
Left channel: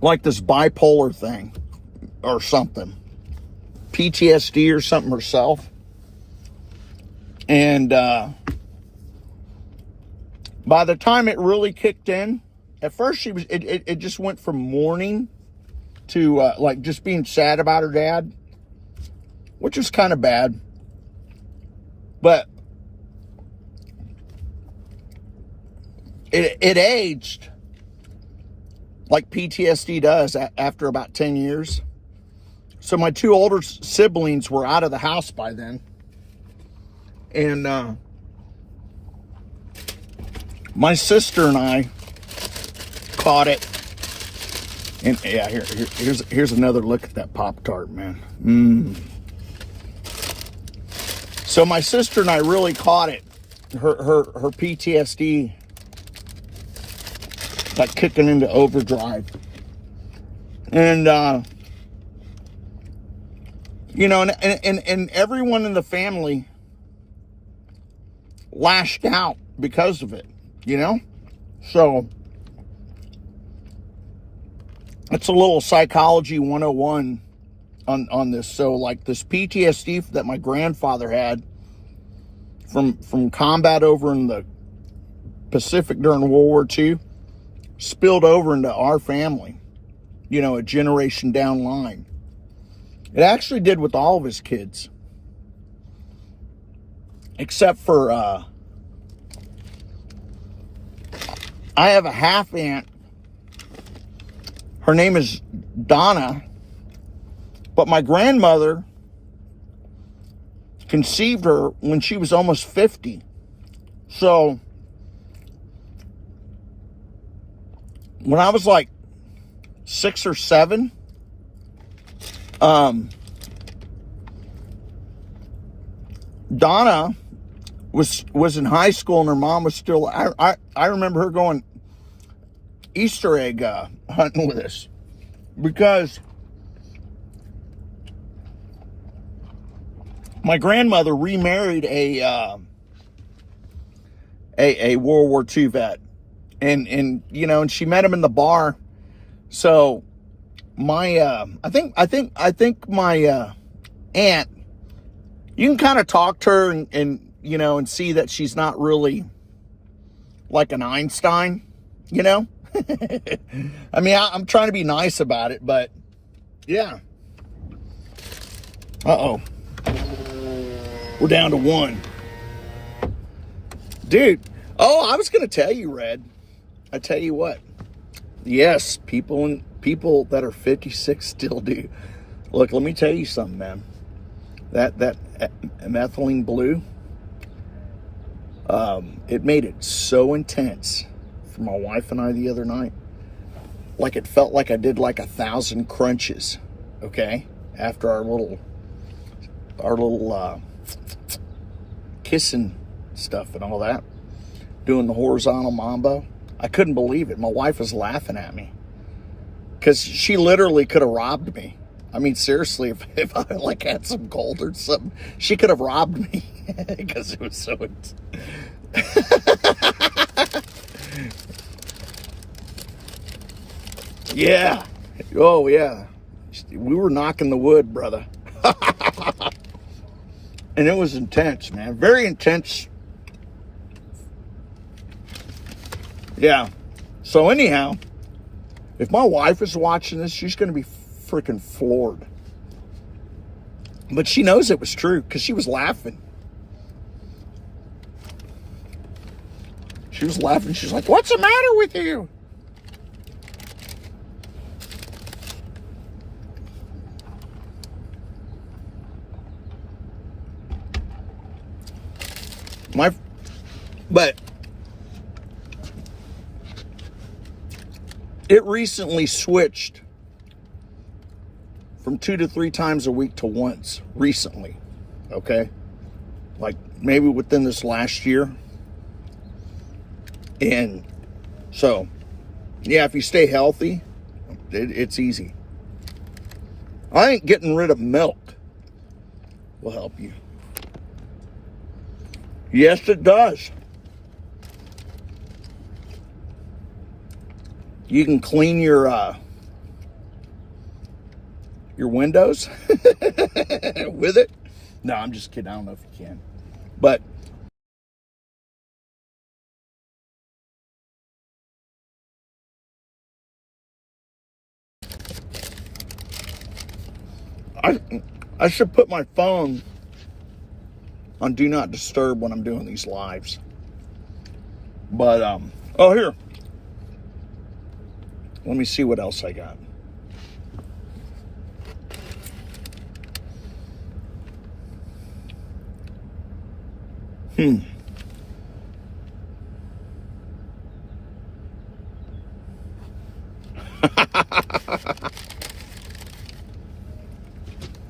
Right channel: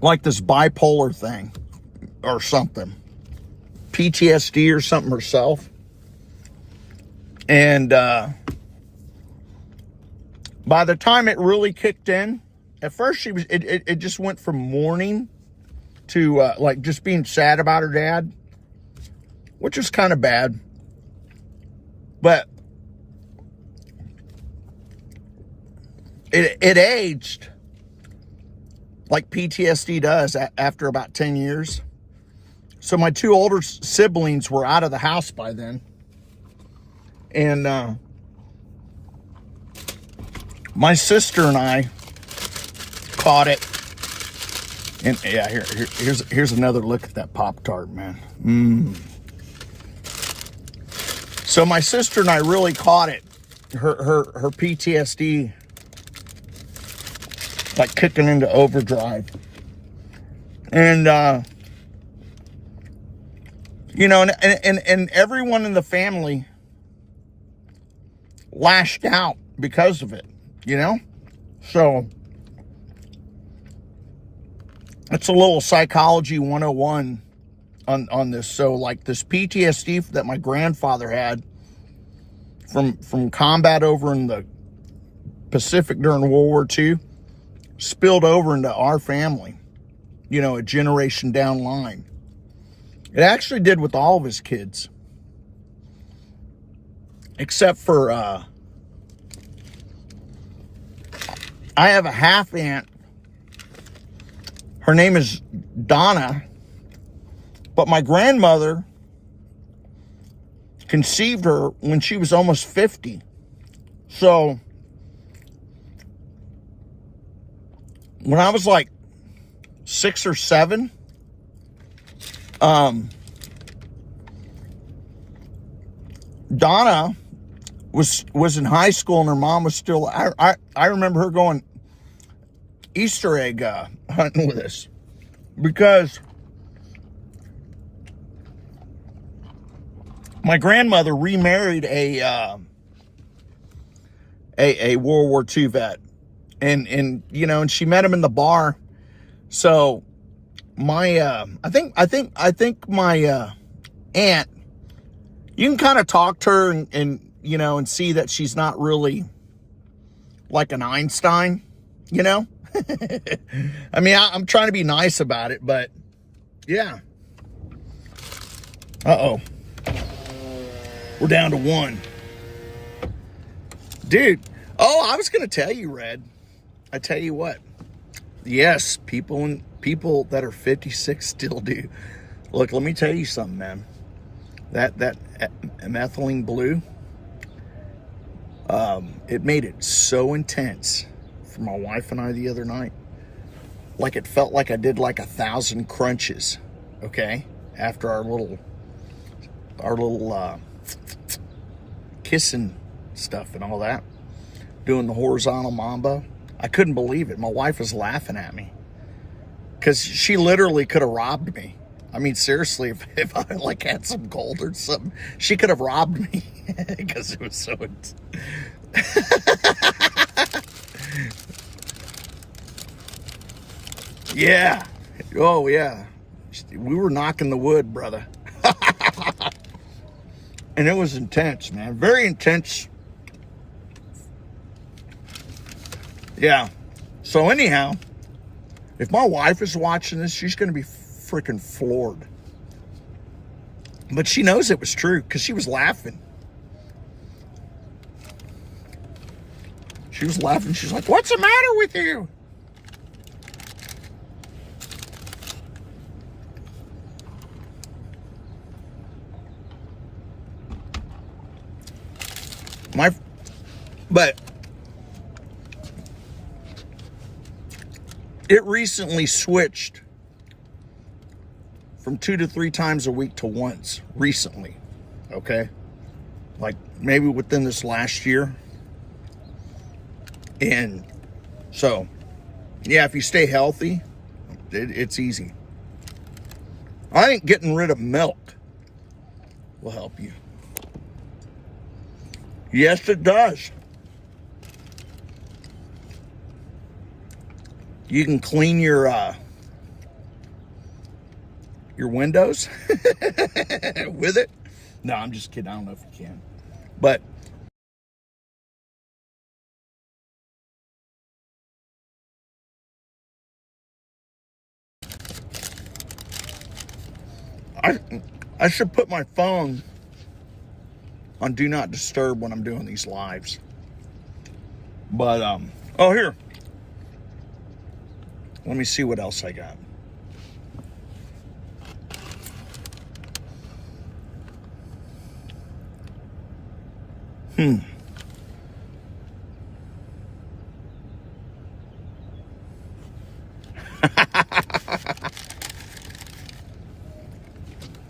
like this bipolar thing or something, PTSD or something herself. And by the time it really kicked in, at first it just went from mourning to like just being sad about her dad, which is kind of bad. But it aged like PTSD does after about 10 years. So my two older siblings were out of the house by then. And my sister and I caught it. And yeah, here's another look at that Pop-Tart, man. So my sister and I really caught it. Her PTSD, like kicking into overdrive. And you know, and everyone in the family lashed out because of it, you know? So it's a little psychology 101 on this. So like this PTSD that my grandfather had from combat over in the Pacific during World War II spilled over into our family, you know, a generation down line. It actually did with all of his kids. Except for, I have a half aunt. Her name is Donna. But my grandmother conceived her when she was almost 50. So, when I was like 6 or 7, Donna was in high school and her mom was still, I remember her going Easter egg hunting with us because my grandmother remarried a World War II vet, and you know, and she met him in the bar. So my I think my aunt, you can kind of talk to her and you know, and see that she's not really like an Einstein, you know. I mean, I'm trying to be nice about it, but yeah. Uh-oh. We're down to 1. Dude. Oh, I was going to tell you, Red. I tell you what. Yes, people that are 56 still do. Look, let me tell you something, man. That methylene blue, it made it so intense for my wife and I the other night. Like it felt like I did like 1,000 crunches, okay? After our little kissing stuff and all that. Doing the horizontal mambo. I couldn't believe it. My wife was laughing at me. Because she literally could have robbed me. I mean, seriously, if I like had some gold or something, she could have robbed me. Because it was so... Yeah. Oh, yeah. We were knocking the wood, brother. And it was intense, man. Very intense. Yeah. So anyhow, if my wife is watching this, she's going to be freaking floored. But she knows it was true because she was laughing. She was laughing. She's like, "What's the matter with you?" But it recently switched from 2 to 3 times a week to once recently. Okay. Like maybe within this last year. And so, yeah, if you stay healthy, it's easy. I think getting rid of milk will help you. Yes, it does. You can clean your your windows with it. No, I'm just kidding. I don't know if you can. But I should put my phone on Do Not Disturb when I'm doing these lives. But, oh, here. Let me see what else I got.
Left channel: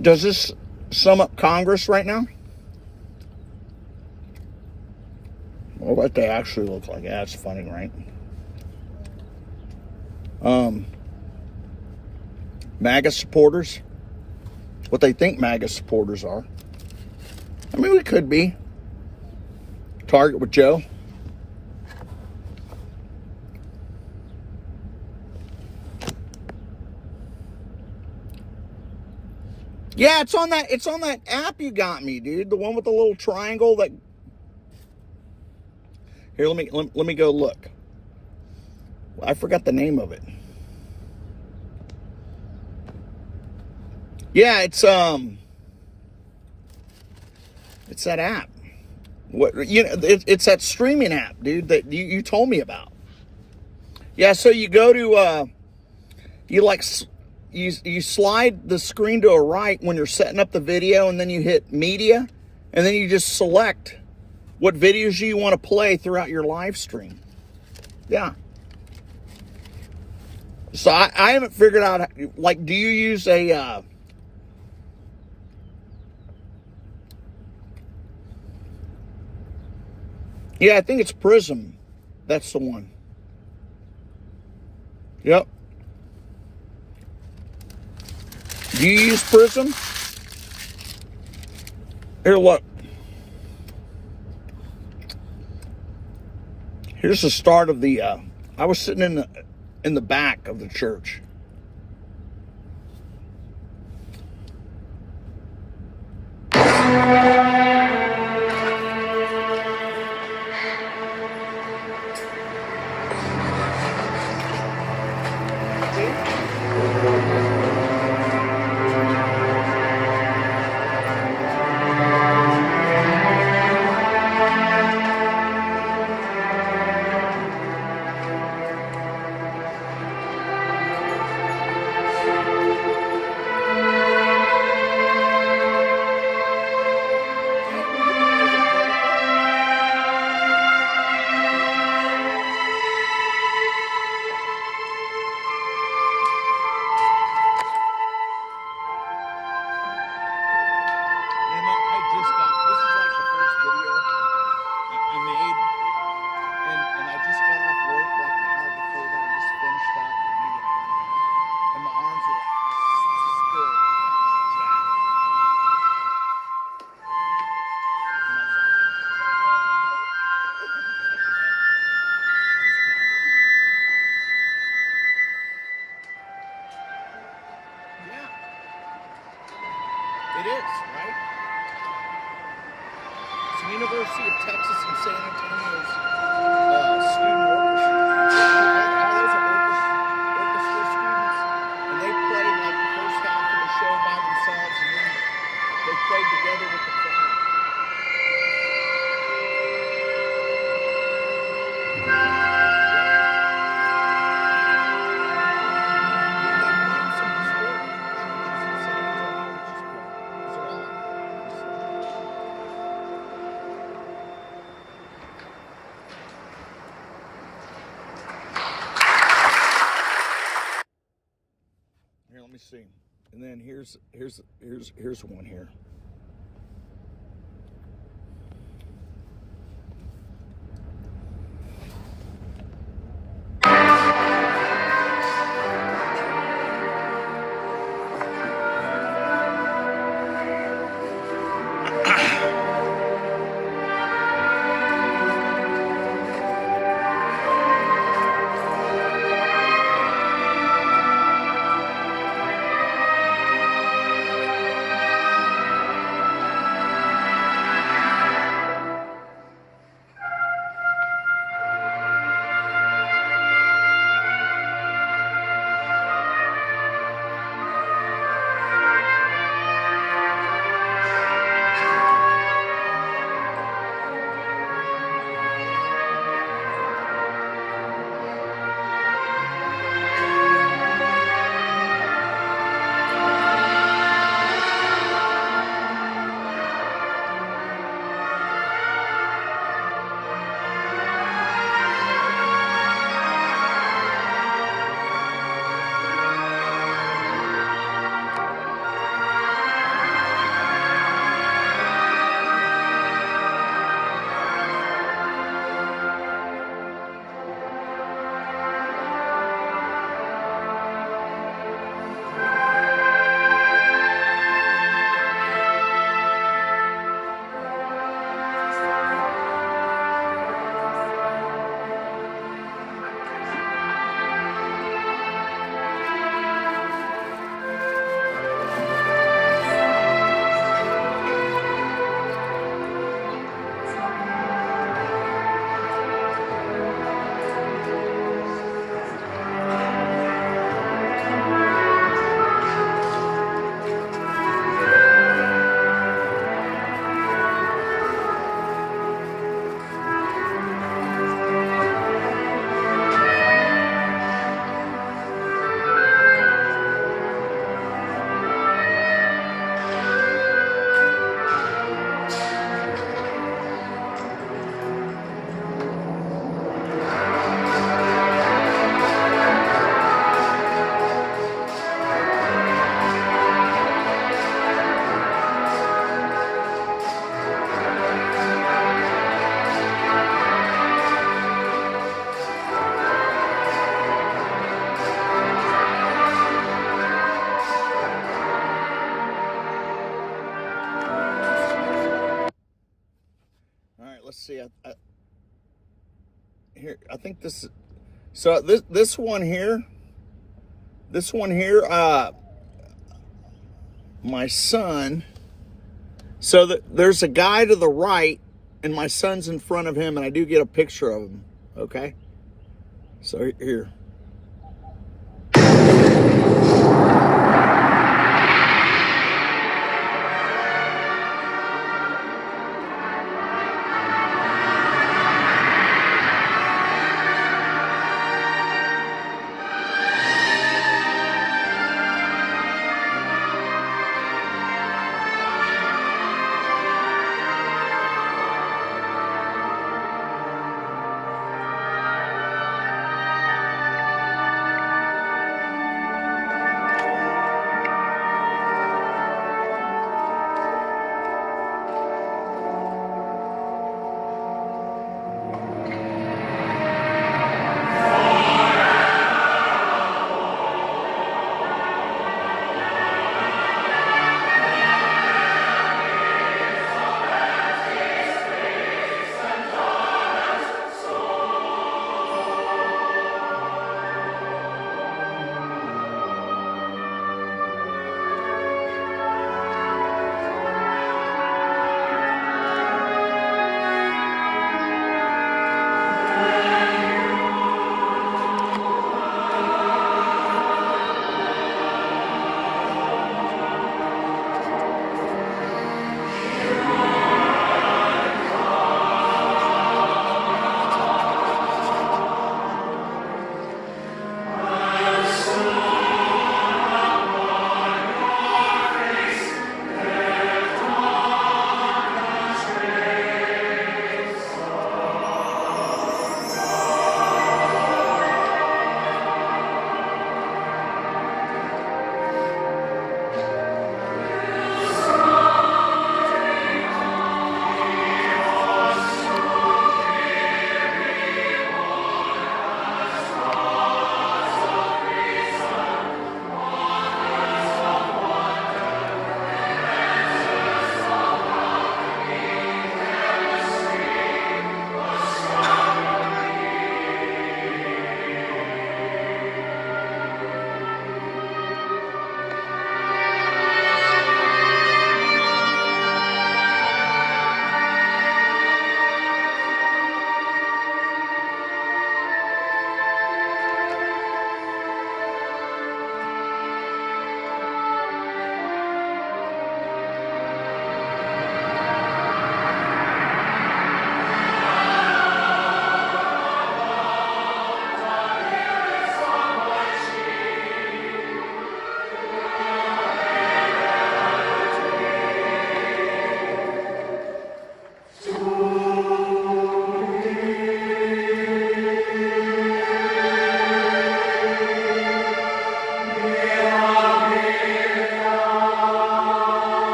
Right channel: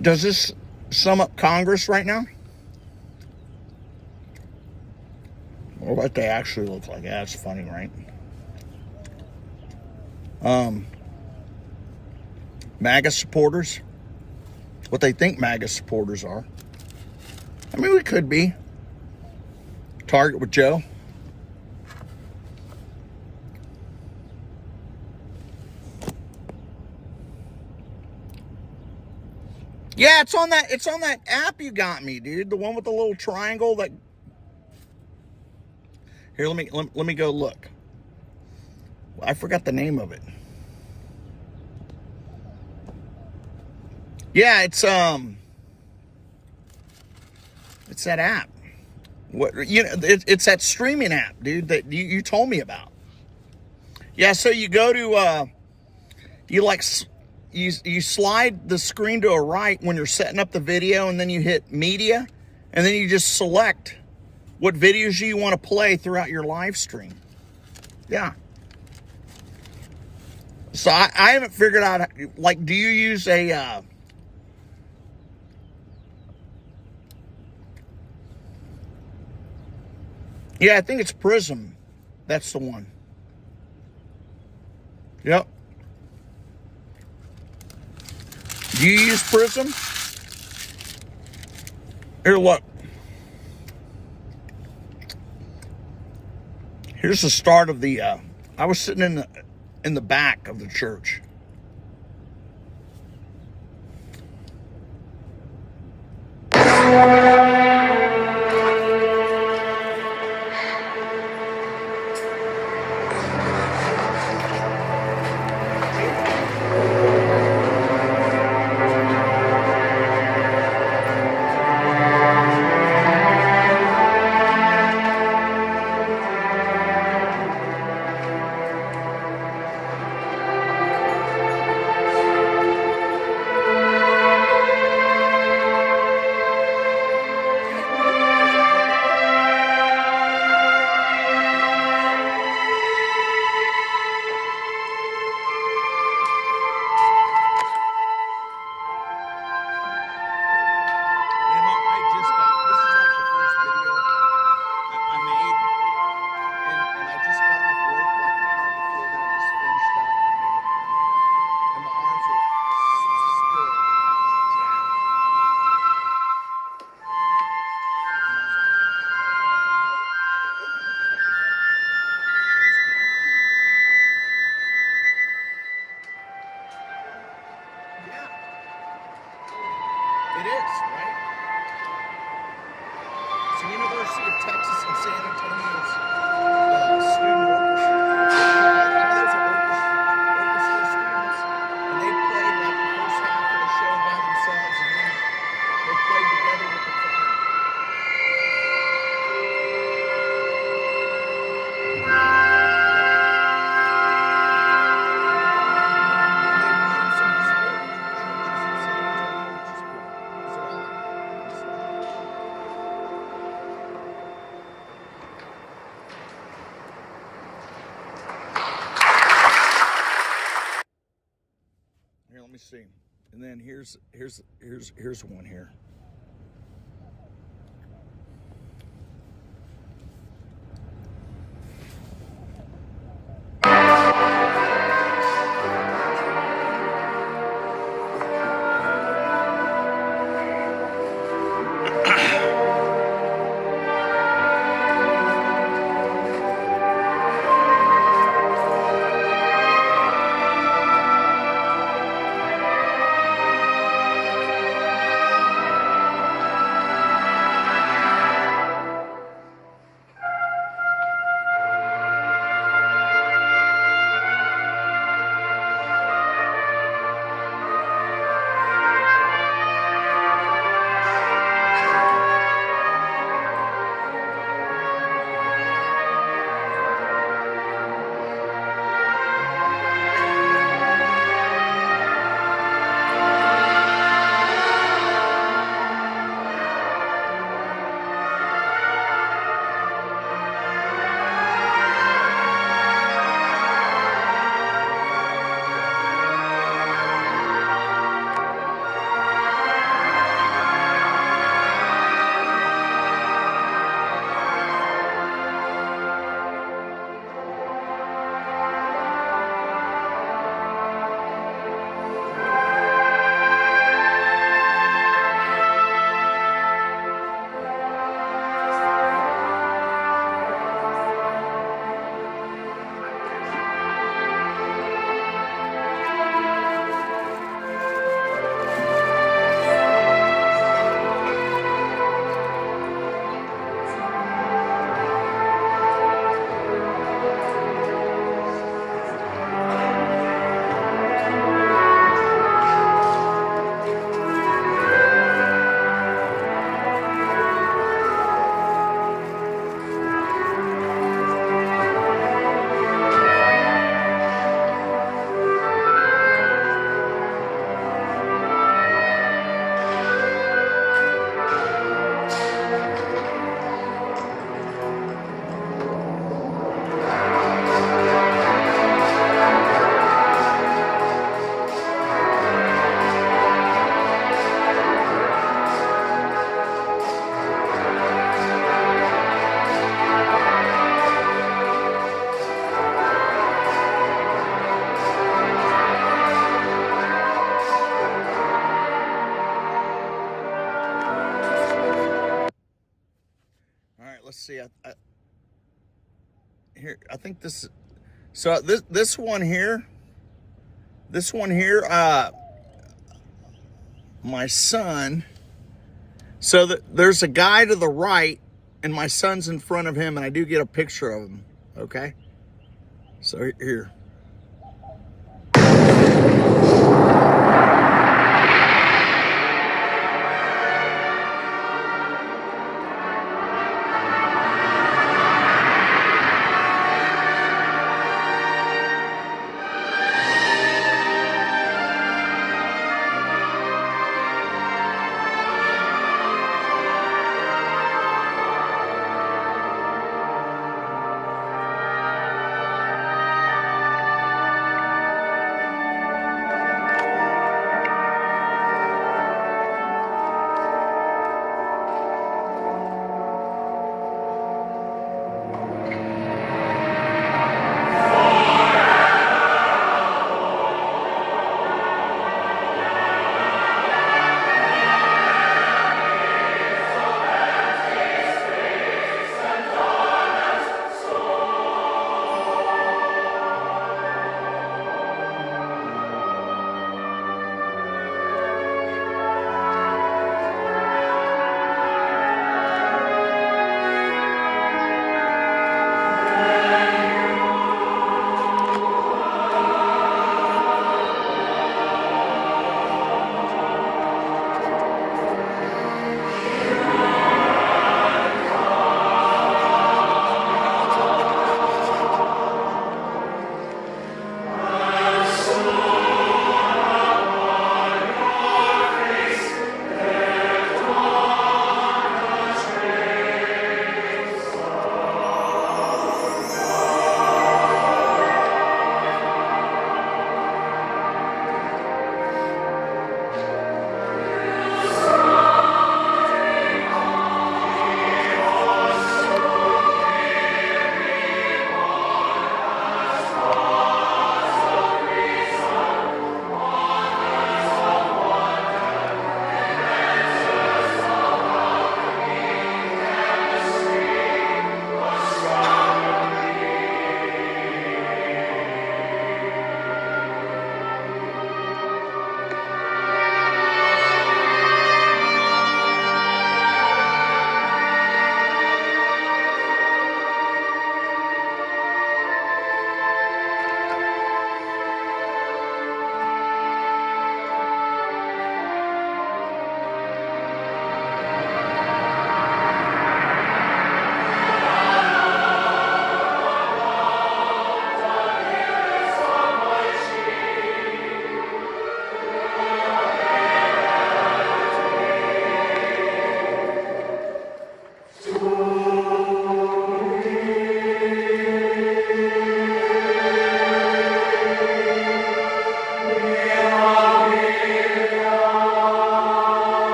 Does this sum up Congress right now? Or what they actually look like? Yeah, it's funny, right? MAGA supporters. What they think MAGA supporters are. I mean, we could be. Target with Joe. Yeah, it's on that app you got me, dude. The one with the little triangle that. Here, let me go look. I forgot the name of it. Yeah, it's that app. What, you know, it's that streaming app, dude, that you told me about. Yeah, so you go to you slide the screen to a right when you're setting up the video, and then you hit media, and then you just select what videos you want to play throughout your live stream. Yeah. So I haven't figured out, like, do you use a yeah, I think it's Prism. That's the one. Yep. Do you use Prism? Here, look. Here's the start of the, I was sitting in the back of the church. It is, right? It's the University of Texas in San Antonio's student orchestra. All those are orchestra students, and they play like the first half of the show by themselves, and then they play together with the choir. Here, let me see. And then here's one here. let's see. Here, I think this. So this one here. My son. So there's a guy to the right, and my son's in front of him, and I do get a picture of him. Okay. So here.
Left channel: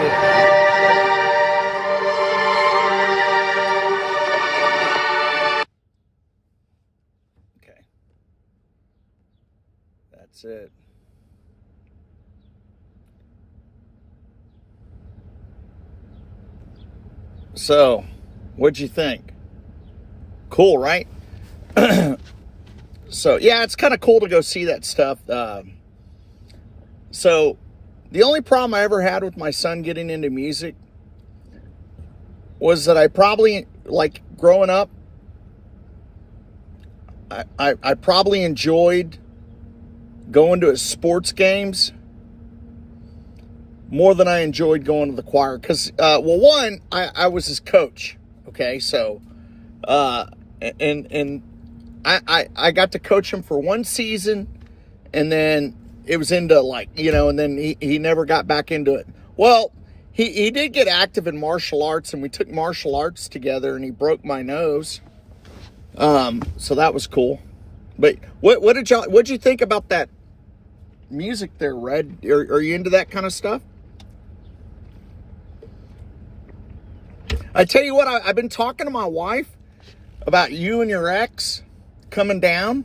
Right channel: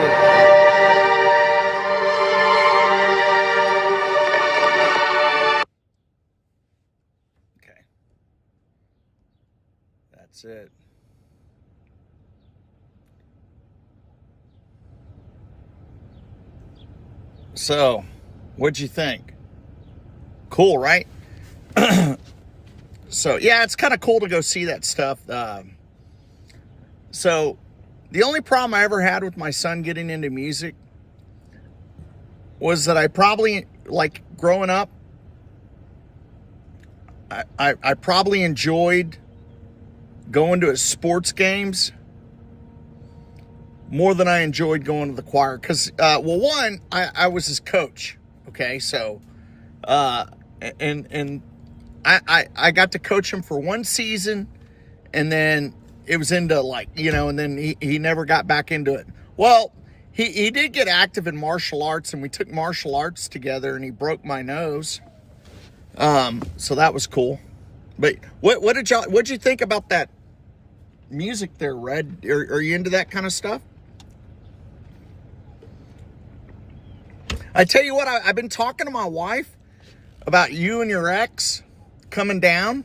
it. Okay. That's it. So, what'd you think? Cool, right? So, yeah, it's kind of cool to go see that stuff. So, the only problem I ever had with my son getting into music was that I probably, like, growing up, I probably enjoyed going to his sports games more than I enjoyed going to the choir. Because, well, one, I was his coach. Okay, so, and I got to coach him for one season, and then it was into like, you know, and then he never got back into it. Well, he did get active in martial arts, and we took martial arts together, and he broke my nose. So that was cool. But what'd you think about that music there, Red? Are you into that kind of stuff? I tell you what, I've been talking to my wife about you and your ex coming down.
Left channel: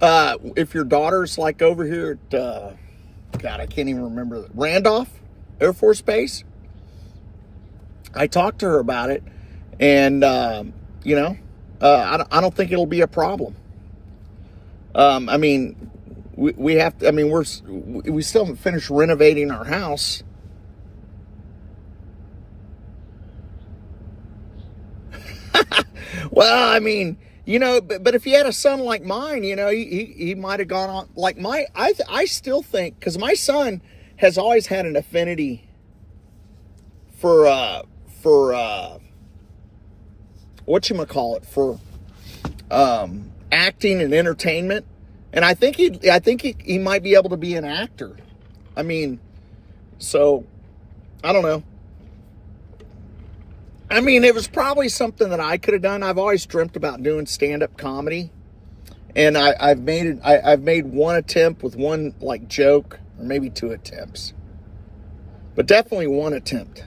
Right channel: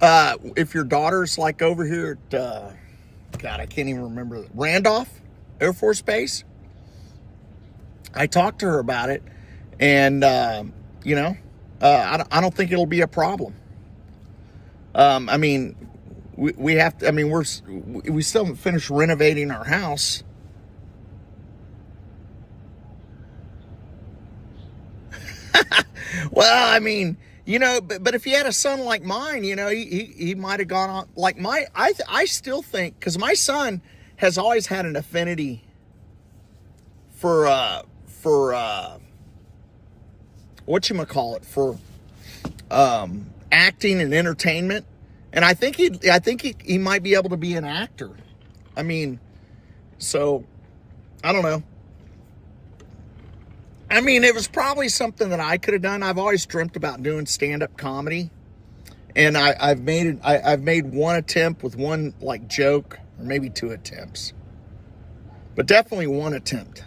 If your daughter's like over here at, God, I can't even remember, Randolph Air Force Base. I talked to her about it, and, you know, I don't think it'll be a problem. I mean, we have to, I mean, we still haven't finished renovating our house. Well, I mean, you know, but if he had a son like mine, you know, he might have gone on like I still think, because my son has always had an affinity for whatchamacallit, for acting and entertainment. And I think he might be able to be an actor. I mean, so I don't know. I mean, it was probably something that I could have done. I've always dreamt about doing stand-up comedy, and I've made one attempt with one like joke, or maybe two attempts, but definitely one attempt.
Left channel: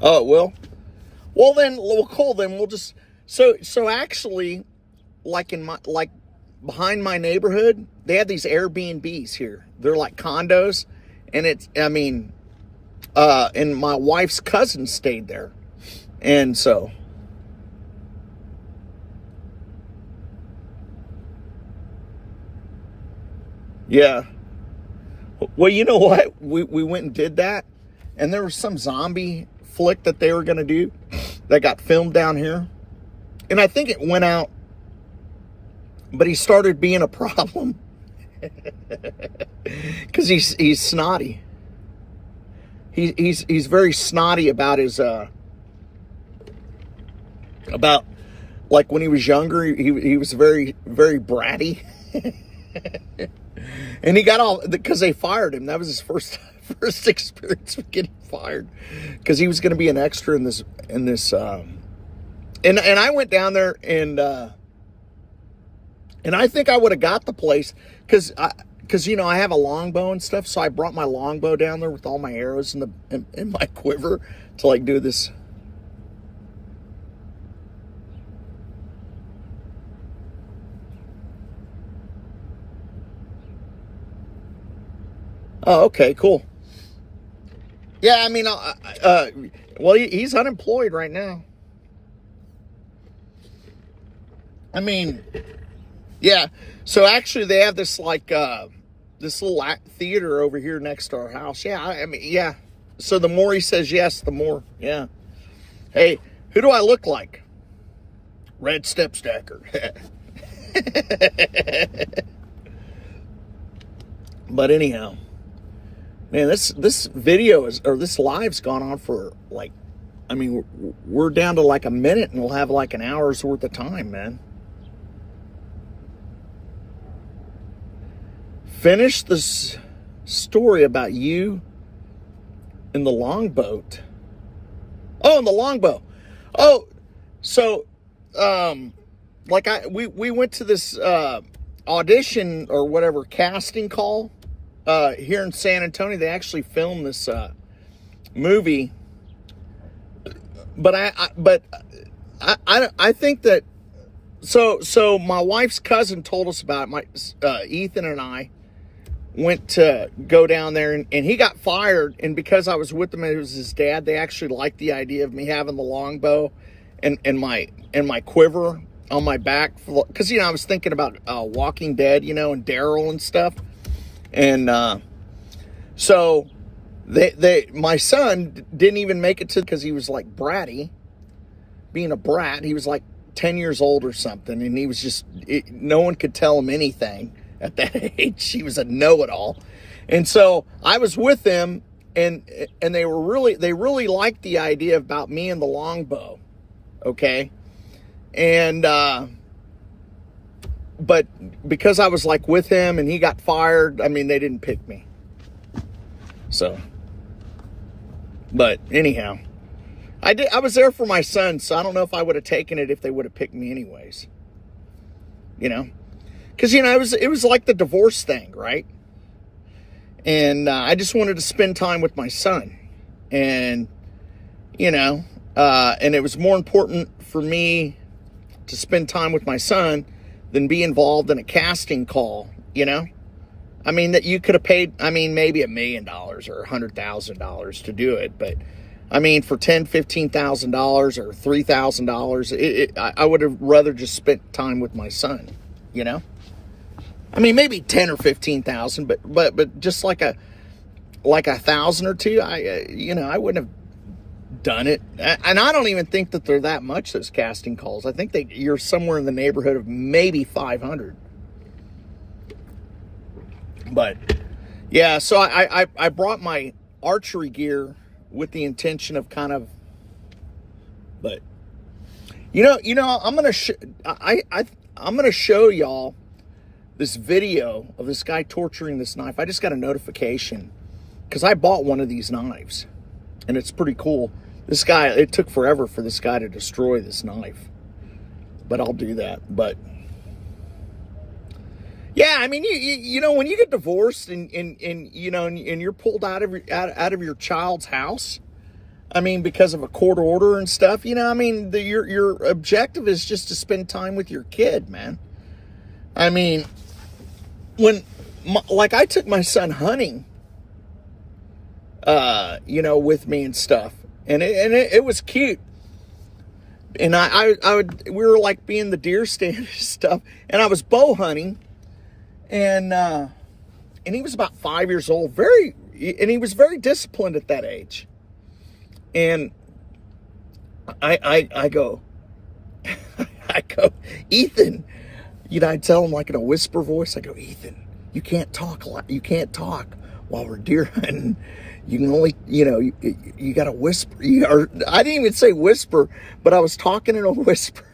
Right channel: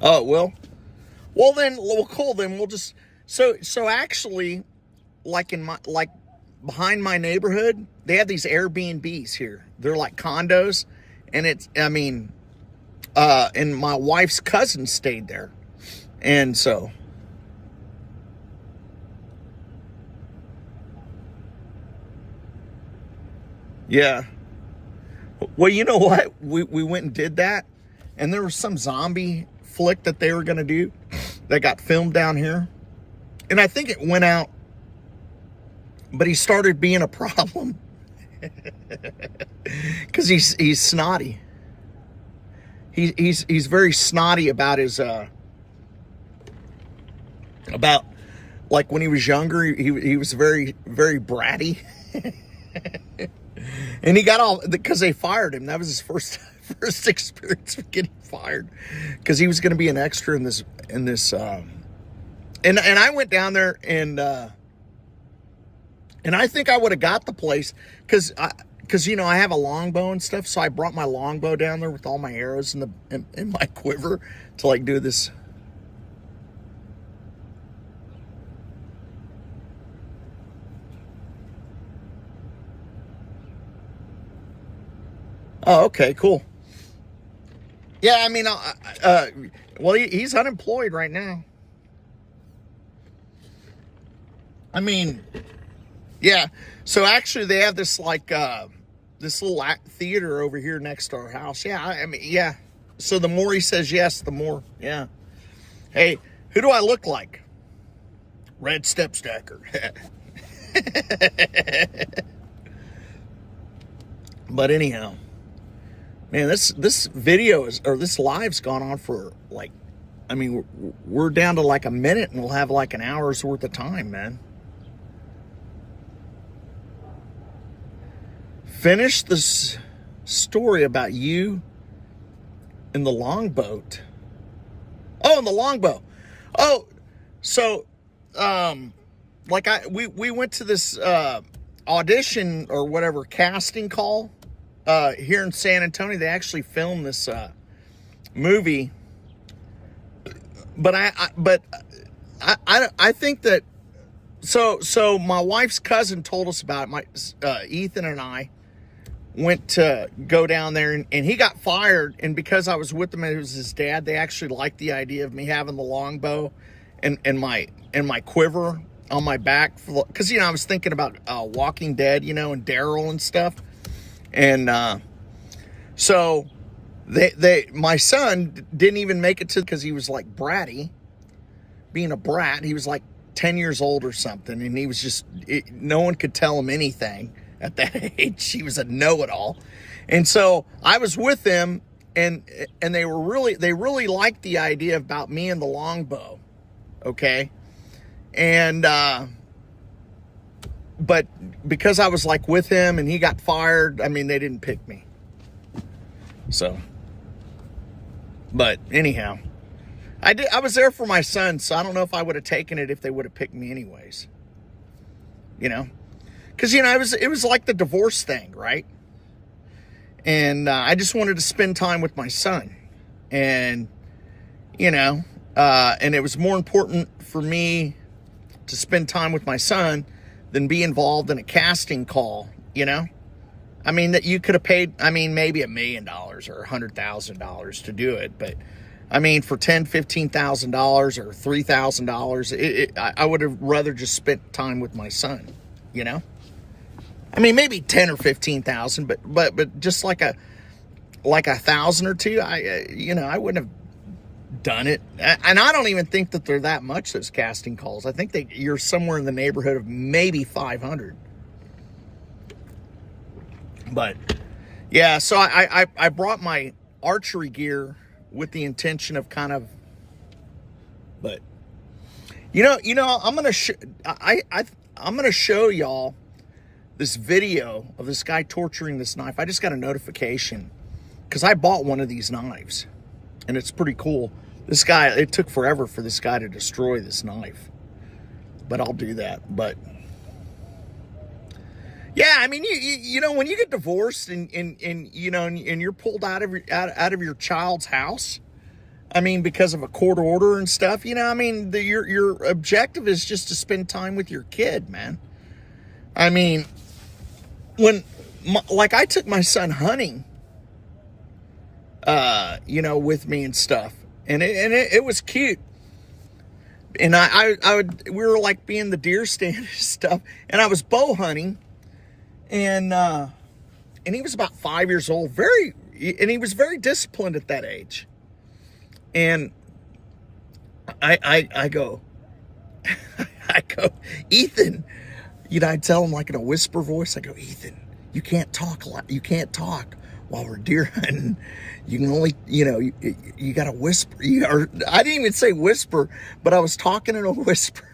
Oh, well then, well, cool. Then we'll just so actually. Like behind my neighborhood, they have these Airbnbs here. They're like condos, and and my wife's cousin stayed there, and so yeah. Well, you know what? We went and did that, and there was some zombie flick that they were gonna do that got filmed down here, and I think it went out. But he started being a problem because he's snotty. He's very snotty about his about, like, when he was younger. He was very, very bratty, and he got all because they fired him. That was his first experience with getting fired, because he was going to be an extra in this and I went down there, and I think I would have got the place because you know, I have a longbow and stuff, so I brought my longbow down there with all my arrows in my quiver to like do this. Oh, okay, cool. Yeah, I mean, well, he's unemployed right now. I mean. Yeah, so actually they have this like this little theater over here next to our house. Yeah, I mean, yeah. So the more he says yes, the more, yeah. Hey, who do I look like? Red Stepstacker. But anyhow, man, this video this live's gone on for like, I mean, we're down to like a minute, and we'll have like an hour's worth of time, man. Finish this story about you in the longboat. Oh, in the longboat. Oh, so, like we went to this audition or whatever casting call here in San Antonio. They actually filmed this movie, but I think that so my wife's cousin told us about it. Ethan and I went to go down there, and he got fired, and because I was with him, it was his dad, they actually liked the idea of me having the longbow and my quiver on my back, because, you know, I was thinking about Walking Dead, you know, and Daryl and stuff, and So my son didn't even make it to, because he was like bratty, being a brat. He was like 10 years old or something, and he was just, no one could tell him anything at that age. He was a know-it-all. And so I was with him, and they really liked the idea about me and the longbow. Okay. And, but because I was like with him and he got fired, I mean, they didn't pick me. So, but anyhow, I was there for my son, so I don't know if I would have taken it if they would have picked me anyways. You know, because, you know, it was like the divorce thing, right? And I just wanted to spend time with my son, and, you know, and it was more important for me to spend time with my son than be involved in a casting call, you know? I mean, that you could have paid, I mean, maybe $1 million or $100,000 to do it, but I mean, for $10,000, $15,000 or $3,000, I would have rather just spent time with my son, you know? I mean, maybe 10 or 15,000, but just like a 1,000 or two, I wouldn't have done it. And I don't even think that they're that much, those casting calls. I think you're somewhere in the neighborhood of maybe 500. But yeah, so I brought my archery gear with the intention of kind of, but you know, I'm gonna show y'all this video of this guy torturing this knife. I just got a notification because I bought one of these knives, and it's pretty cool. This guy, it took forever for this guy to destroy this knife, but I'll do that. But yeah, I mean, you know, when you get divorced and you know, and you're pulled out of your child's house, I mean, because of a court order and stuff, you know, I mean, your objective is just to spend time with your kid, man. I mean, like I took my son hunting, you know, with me and stuff, and it was cute. And we were like being the deer stand and stuff, and I was bow hunting, and he was about 5 years old, and he was very disciplined at that age. And I go, Ethan, you know, I'd tell him like in a whisper voice, I go, Ethan, you can't talk while we're deer hunting. You can only, you know, you got to whisper. I didn't even say whisper, but I was talking in a whisper.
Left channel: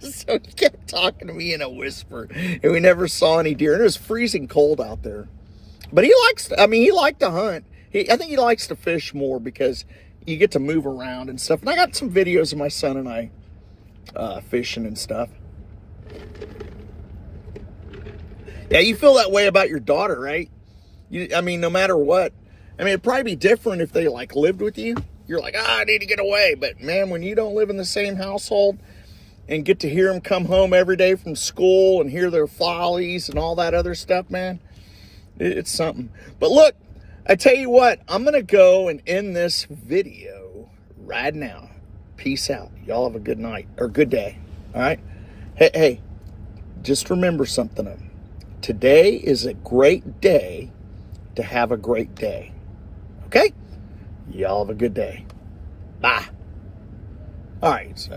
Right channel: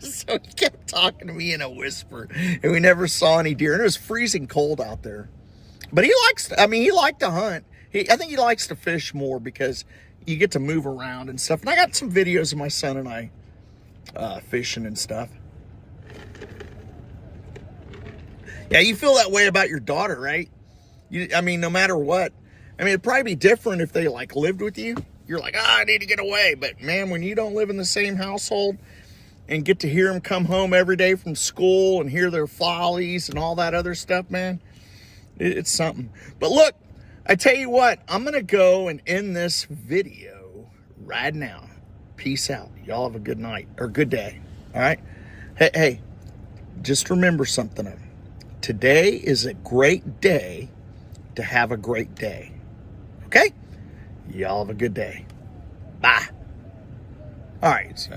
So he kept talking to me in a whisper, and we never saw any deer. And it was freezing cold out there. But he liked to hunt. I think he likes to fish more because you get to move around and stuff. And I got some videos of my son and I fishing and stuff. Yeah, you feel that way about your daughter, right? I mean, no matter what. I mean, it'd probably be different if they, like, lived with you. You're like, I need to get away. But, man, when you don't live in the same household and get to hear them come home every day from school and hear their follies and all that other stuff, man, it's something. But, look, I tell you what, I'm going to go and end this video right now. Peace out. Y'all have a good night or good day. All right? Hey, just remember something. Today is a great day to have a great day. Okay? Y'all have a good day. Bye. All right. So